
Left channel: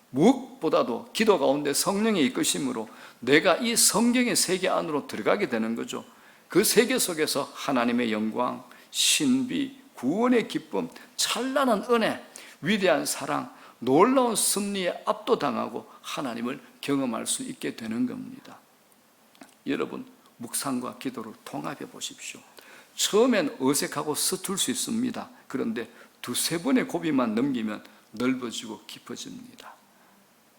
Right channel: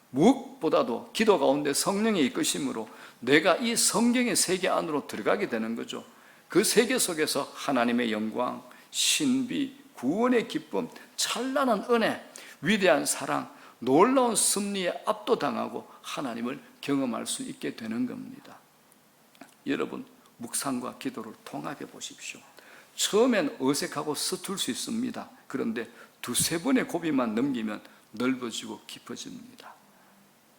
무엇보다도 기도 가운데 성령의 이끄심으로 내가 이 성경의 세계 안으로 들어가게 되는 거죠. 그 세계 속에서 하나님의 영광, 신비, 구원의 기쁨, 찬란한 은혜, 위대한 사랑, 놀라운 승리에 압도당하고 하나님을 경험할 수 있게 되는 겁니다. 여러분 묵상과 기도를 통합해 보십시오. 처음엔 어색하고 서툴 수 있습니다. 그런데 두세 번의 고비만 넘기면 넓어지고 깊어집니다.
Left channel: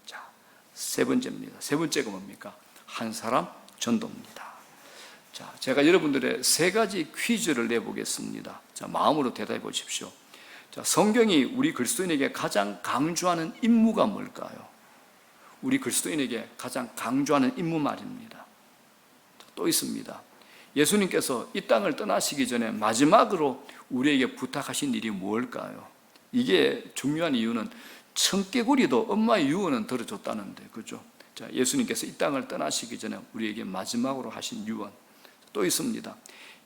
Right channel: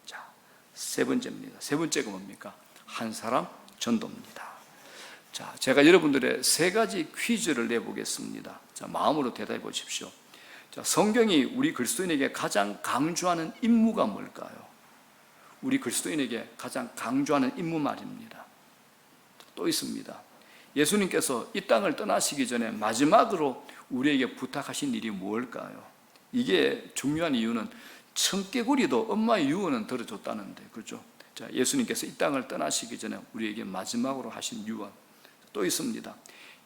자, 세 번째입니다. 세 번째가 뭡니까? 한 사람 전도입니다. 자, 제가 여러분들의 세 가지 퀴즈를 내보겠습니다. 자, 마음으로 대답해 보십시오. 자, 성경이 우리 그리스도인에게 가장 강조하는 임무가 뭘까요? 우리 그리스도인에게 가장 강조하는 임무 말입니다. 또 있습니다. 예수님께서 이 땅을 떠나시기 전에 마지막으로 우리에게 부탁하신 일이 무엇일까요? 이게 중요한 이유는 청개구리도 엄마의 유언은 들어줬다는데, 그렇죠? 자, 예수님께서 이 땅을 떠나시기 전에 우리에게 마지막으로 하신 유언 또 있습니다.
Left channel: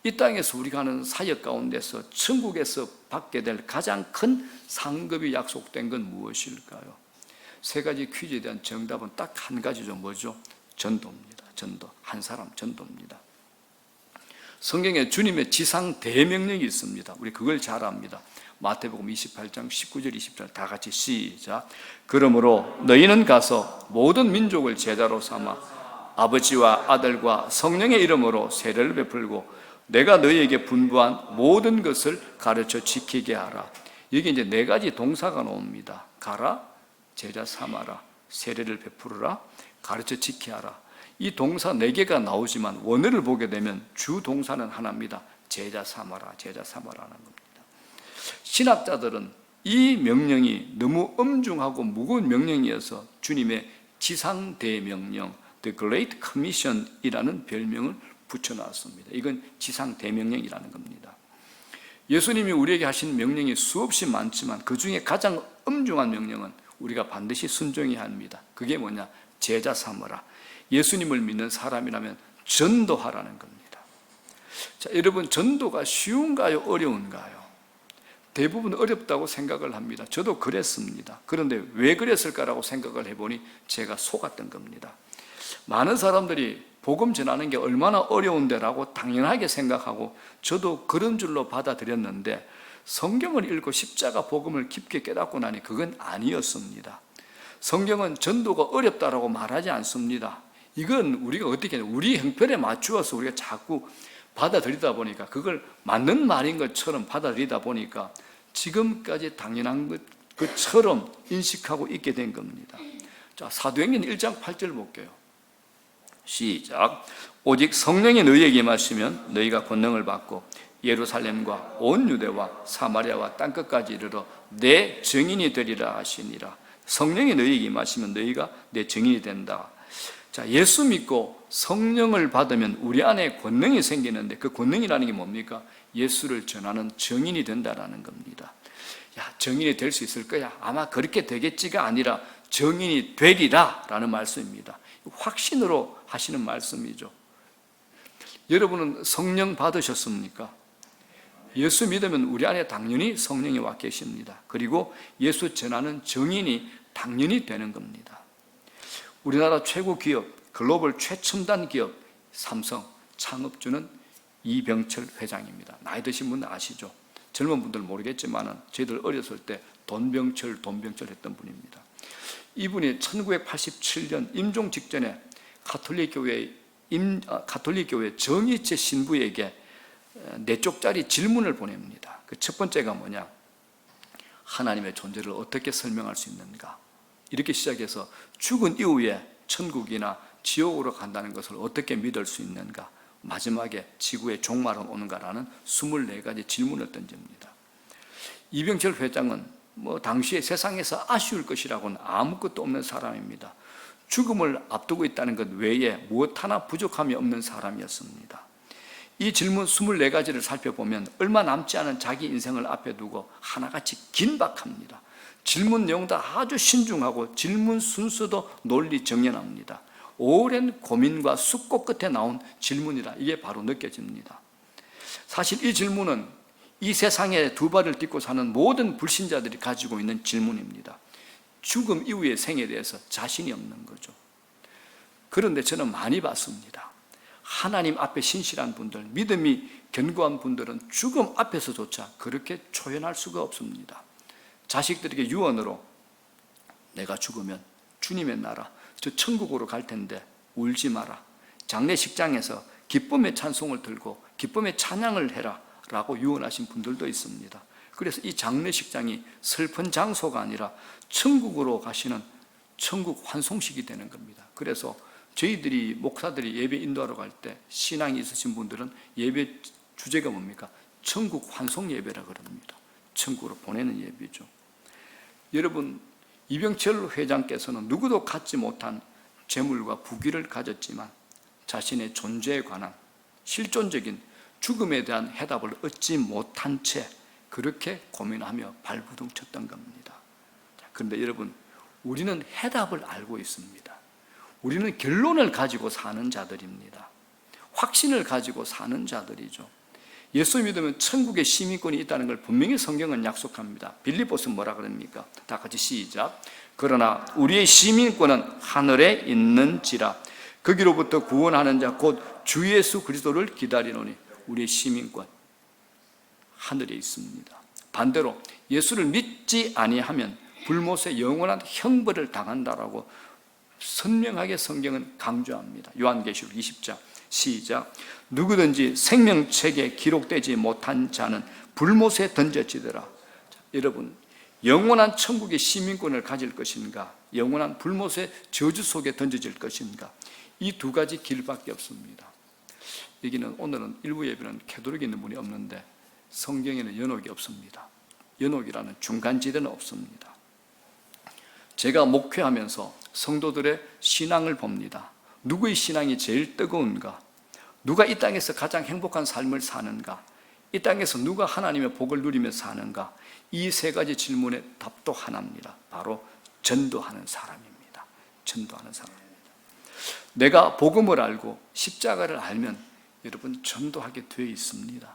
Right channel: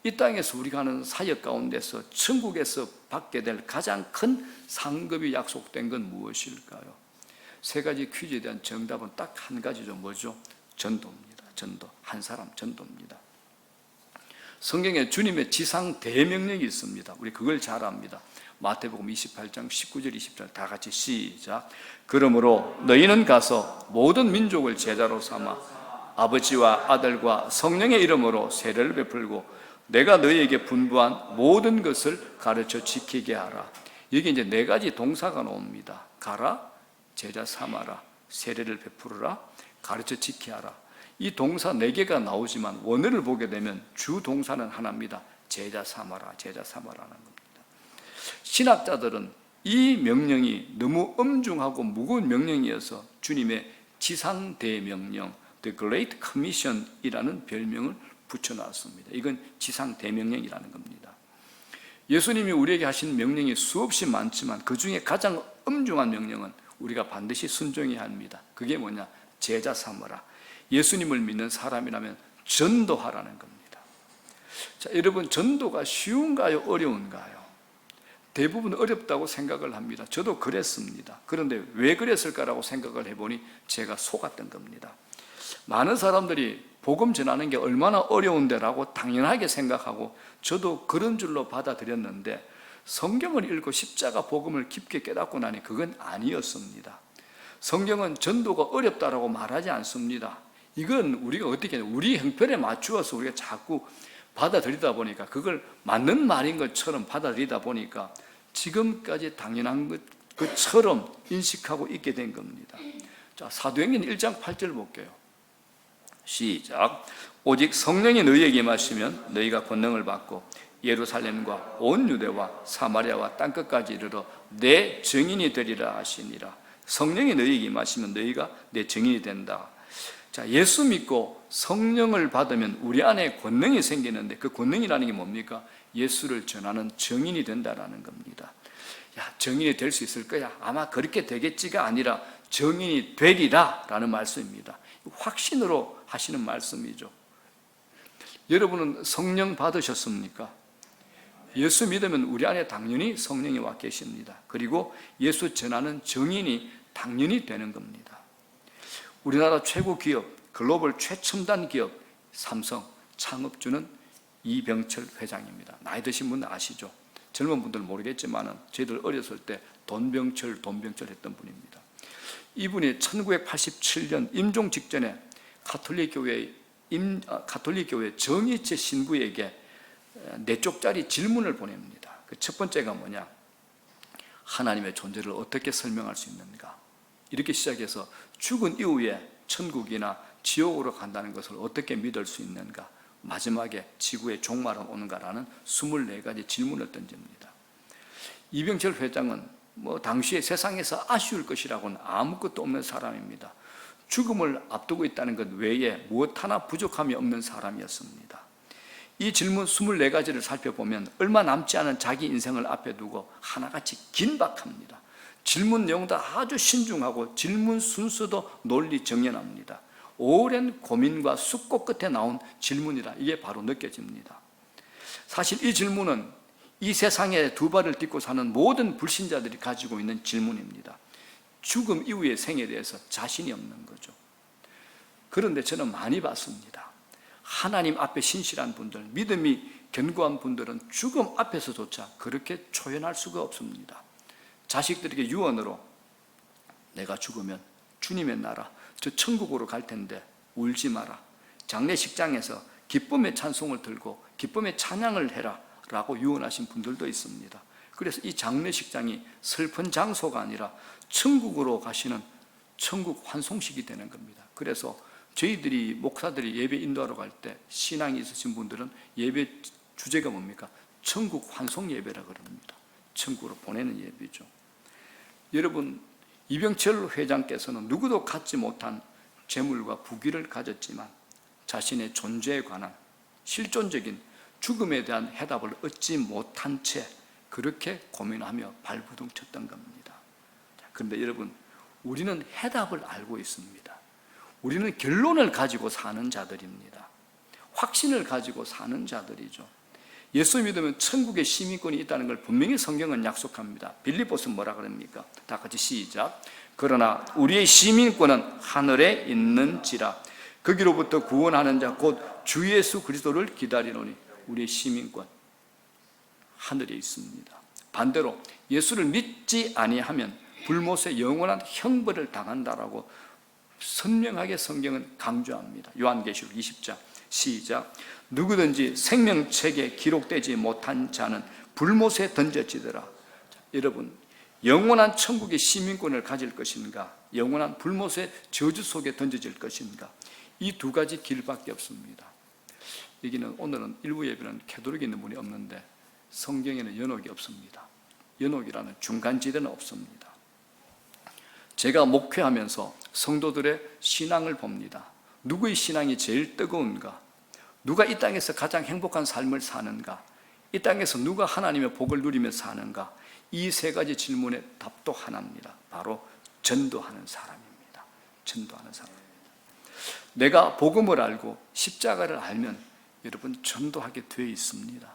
이 땅에서 우리가 하는 사역 가운데서 천국에서 받게 될 가장 큰 상급이 약속된 건 무엇일까요? 세 가지 퀴즈에 대한 정답은 딱 한 가지죠. 뭐죠? 전도입니다. 전도. 한 사람 전도입니다. 성경에 주님의 지상 대명령이 있습니다. 우리 그걸 잘 압니다. 마태복음 28장 19절 20절 다 같이 시작. 그러므로 너희는 가서 모든 민족을 제자로 삼아 아버지와 아들과 성령의 이름으로 세례를 베풀고 내가 너희에게 분부한 모든 것을 가르쳐 지키게 하라. 여기 이제 네 가지 동사가 나옵니다. 가라, 제자 삼아라, 세례를 베풀어라, 가르쳐 지키게 하라. 이 동사 네 개가 나오지만 원어를 보게 되면 주 동사는 하나입니다. 제자 삼아라, 제자 삼아라는 겁니다. 신학자들은 이 명령이 너무 엄중하고 무거운 명령이어서 주님의 지상 대명령, The Great Commission이라는 별명을 붙여놨습니다. 이건 지상 대명령이라는 겁니다. 예수님이 우리에게 하신 명령이 수없이 많지만 그 중에 가장 엄중한 명령은 우리가 반드시 순종해야 합니다. 그게 뭐냐? 제자 삼아라. 예수님을 믿는 사람이라면 전도하라는 겁니다. 자, 여러분 전도가 쉬운가요? 어려운가요? 대부분 어렵다고 생각을 합니다. 저도 그랬습니다. 그런데 왜 그랬을까라고 생각을 해보니 제가 속았던 겁니다. 많은 사람들이 복음 전하는 게 얼마나 어려운데라고 당연하게 생각하고 저도 그런 줄로 받아들였는데 성경을 읽고 십자가 복음을 깊게 깨닫고 나니 그건 아니었습니다. 성경은 전도가 어렵다라고 말하지 않습니다. 이건 우리가 어떻게 해야 우리 형편에 맞추어서 우리가 자꾸 받아들이다 보니까 그걸 맞는 말인 것처럼 받아들이다 보니까 지금까지 당연한 것처럼 인식하고 있게 된 겁니다. 자, 사도행전 1장 8절 볼게요. 시작. 오직 성령이 너희에게 임하시면 너희가 권능을 받고 예루살렘과 온 유대와 사마리아와 땅끝까지 이르러 내 증인이 되리라 하시니라. 성령이 너희에게 임하시면 너희가 내 증인이 된다. 자, 예수 믿고 성령을 받으면 우리 안에 권능이 생기는데 그 권능이라는 게 뭡니까? 예수를 전하는 증인이 된다라는 겁니다. 야, 증인이 될 수 있을 거야. 아마 그렇게 되겠지가 아니라 증인이 되리라 라는 말씀입니다. 확신으로 하시는 말씀이죠. 여러분은 성령 받으셨습니까? 예수 믿으면 우리 안에 당연히 성령이 와 계십니다. 그리고 예수 전하는 증인이 당연히 되는 겁니다. 우리나라 최고 기업, 글로벌 최첨단 기업 삼성 창업주는 이병철 회장입니다. 나이 드신 분은 아시죠? 젊은 분들 모르겠지만 저희들 어렸을 때 돈병철 했던 분입니다. 이분이 1987년 임종 직전에 가톨릭 교회 정의체 신부에게 4쪽짜리 질문을 보냅니다. 그 첫 번째가 뭐냐? 하나님의 존재를 어떻게 설명할 수 있는가? 이렇게 시작해서 죽은 이후에 천국이나 지옥으로 간다는 것을 어떻게 믿을 수 있는가? 마지막에 지구에 종말은 오는가라는 24가지 질문을 던집니다. 이병철 회장은 당시에 세상에서 아쉬울 것이라고는 아무것도 없는 사람입니다. 죽음을 앞두고 있다는 것 외에 무엇 하나 부족함이 없는 사람이었습니다. 이 질문 24가지를 살펴보면 얼마 남지 않은 자기 인생을 앞에 두고 하나같이 긴박합니다. 질문 내용도 아주 신중하고 질문 순서도 논리 정연합니다. 오랜 고민과 숙고 끝에 나온 질문이다. 이게 바로 느껴집니다. 사실 이 질문은 이 세상에 두 발을 딛고 사는 모든 불신자들이 가지고 있는 질문입니다. 죽음 이후의 생에 대해서 자신이 없는 거죠. 그런데 저는 많이 봤습니다. 하나님 앞에 신실한 분들, 믿음이 견고한 분들은 죽음 앞에서조차 그렇게 초연할 수가 없습니다. 자식들에게 유언으로 내가 죽으면 주님의 나라, 저 천국으로 갈 텐데 울지 마라. 장례식장에서 기쁨의 찬송을 들고 기쁨의 찬양을 해라 라고 유언하신 분들도 있습니다. 그래서 이 장례식장이 슬픈 장소가 아니라 천국으로 가시는 천국 환송식이 되는 겁니다. 그래서 저희들이 목사들이 예배 인도하러 갈 때 신앙이 있으신 분들은 예배 주제가 뭡니까? 천국 환송 예배라 그럽니다. 천국으로 보내는 예배죠. 여러분, 이병철 회장께서는 누구도 갖지 못한 재물과 부귀를 가졌지만 자신의 존재에 관한 실존적인 죽음에 대한 해답을 얻지 못한 채 그렇게 고민하며 발버둥 쳤던 겁니다. 그런데 여러분, 우리는 해답을 알고 있습니다. 우리는 결론을 가지고 사는 자들입니다. 확신을 가지고 사는 자들이죠. 예수 믿으면 천국의 시민권이 있다는 걸 분명히 성경은 약속합니다. 빌립보서 뭐라 그럽니까? 다 같이 시작. 그러나 우리의 시민권은 하늘에 있는지라. 거기로부터 구원하는 자 곧 주 예수 그리스도를 기다리노니. 우리의 시민권 하늘에 있습니다. 반대로 예수를 믿지 아니하면 불못의 영원한 형벌을 당한다라고 선명하게 성경은 강조합니다. 요한계시록 20장 시작. 누구든지 생명책에 기록되지 못한 자는 불못에 던져지더라. 여러분, 영원한 천국의 시민권을 가질 것인가, 영원한 불못의 저주 속에 던져질 것인가, 이 두 가지 길밖에 없습니다. 여기는 오늘은 일부 예배는 캐도릭이 있는 분이 없는데 성경에는 연옥이 없습니다. 연옥이라는 중간지대는 없습니다. 제가 목회하면서 성도들의 신앙을 봅니다. 누구의 신앙이 제일 뜨거운가? 누가 이 땅에서 가장 행복한 삶을 사는가? 이 땅에서 누가 하나님의 복을 누리며 사는가? 이 세 가지 질문의 답도 하나입니다. 바로 전도하는 사람입니다. 전도하는 사람입니다. 내가 복음을 알고 십자가를 알면 여러분 전도하게 되어 있습니다.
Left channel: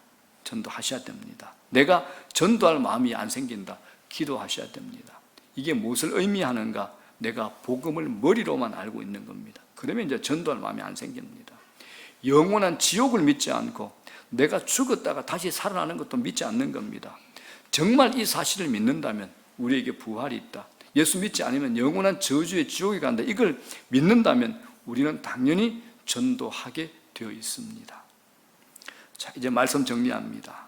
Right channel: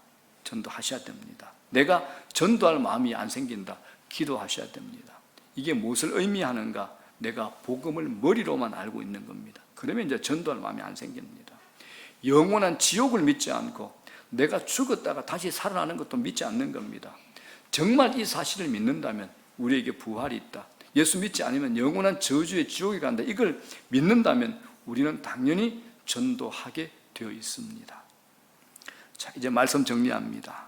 전도하셔야 됩니다. 내가 전도할 마음이 안 생긴다. 기도하셔야 됩니다. 이게 무엇을 의미하는가? 내가 복음을 머리로만 알고 있는 겁니다. 그러면 이제 전도할 마음이 안 생깁니다. 영원한 지옥을 믿지 않고 내가 죽었다가 다시 살아나는 것도 믿지 않는 겁니다. 정말 이 사실을 믿는다면 우리에게 부활이 있다. 예수 믿지 않으면 영원한 저주의 지옥에 간다. 이걸 믿는다면 우리는 당연히 전도하게 되어 있습니다. 자, 이제 말씀 정리합니다.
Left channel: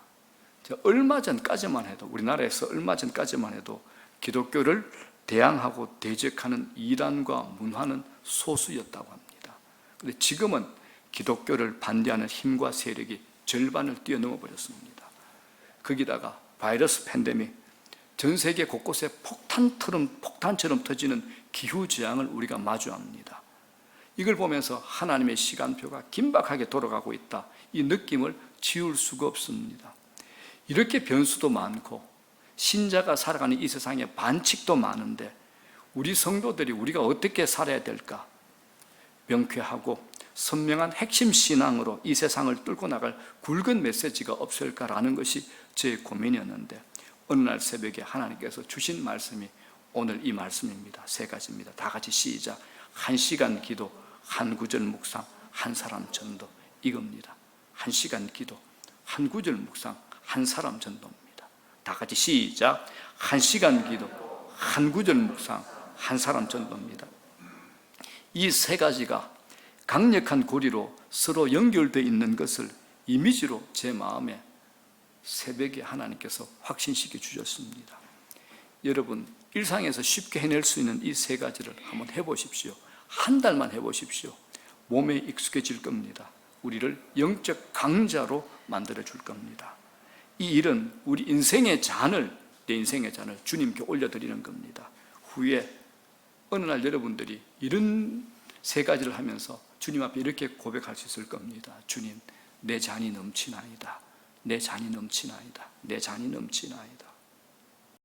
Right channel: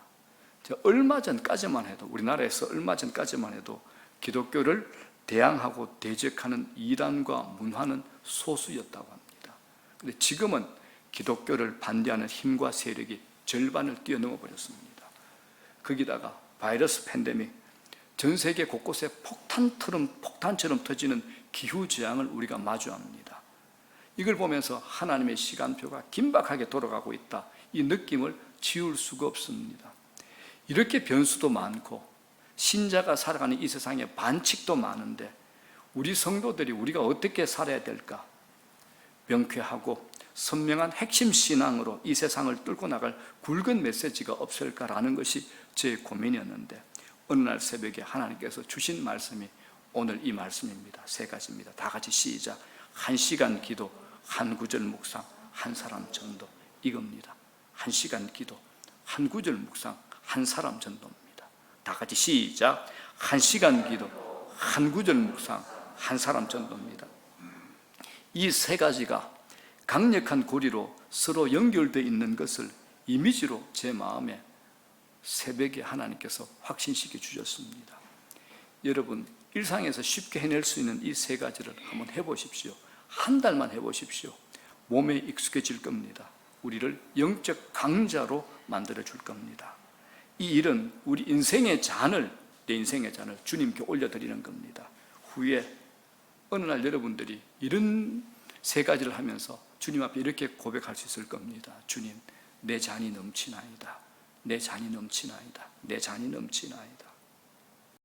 얼마 전까지만 해도, 우리나라에서 얼마 전까지만 해도 기독교를 대항하고 대적하는 이단과 문화는 소수였다고 합니다. 그런데 지금은 기독교를 반대하는 힘과 세력이 절반을 뛰어넘어 버렸습니다. 거기다가 바이러스 팬데믹, 전 세계 곳곳에 폭탄처럼 터지는 기후재앙을 우리가 마주합니다. 이걸 보면서 하나님의 시간표가 긴박하게 돌아가고 있다. 이 느낌을 지울 수가 없습니다. 이렇게 변수도 많고 신자가 살아가는 이 세상에 반칙도 많은데 우리 성도들이 우리가 어떻게 살아야 될까? 명쾌하고 선명한 핵심 신앙으로 이 세상을 뚫고 나갈 굵은 메시지가 없을까라는 것이 제 고민이었는데 어느 날 새벽에 하나님께서 주신 말씀이 오늘 이 말씀입니다. 세 가지입니다. 다 같이 시작. 1시간 기도, 한 구절 묵상, 한 사람 전도, 이겁니다. 1시간 기도, 한 구절 묵상, 한 사람 전도입니다. 다 같이 시작. 1시간 기도, 한 구절 묵상, 한 사람 전도입니다. 이 세 가지가 강력한 고리로 서로 연결되어 있는 것을 이미지로 제 마음에 새벽에 하나님께서 확신시켜 주셨습니다. 여러분, 일상에서 쉽게 해낼 수 있는 이 세 가지를 한번 해보십시오. 한 달만 해보십시오. 몸에 익숙해질 겁니다. 우리를 영적 강자로 만들어 줄 겁니다. 이 일은 우리 인생의 잔을, 내 인생의 잔을 주님께 올려드리는 겁니다. 후에 어느 날 여러분들이 이런 세 가지를 하면서 주님 앞에 이렇게 고백할 수 있을 겁니다. 주님, 내 잔이 넘치나이다. 내 잔이 넘치나이다. 내 잔이 넘치나이다.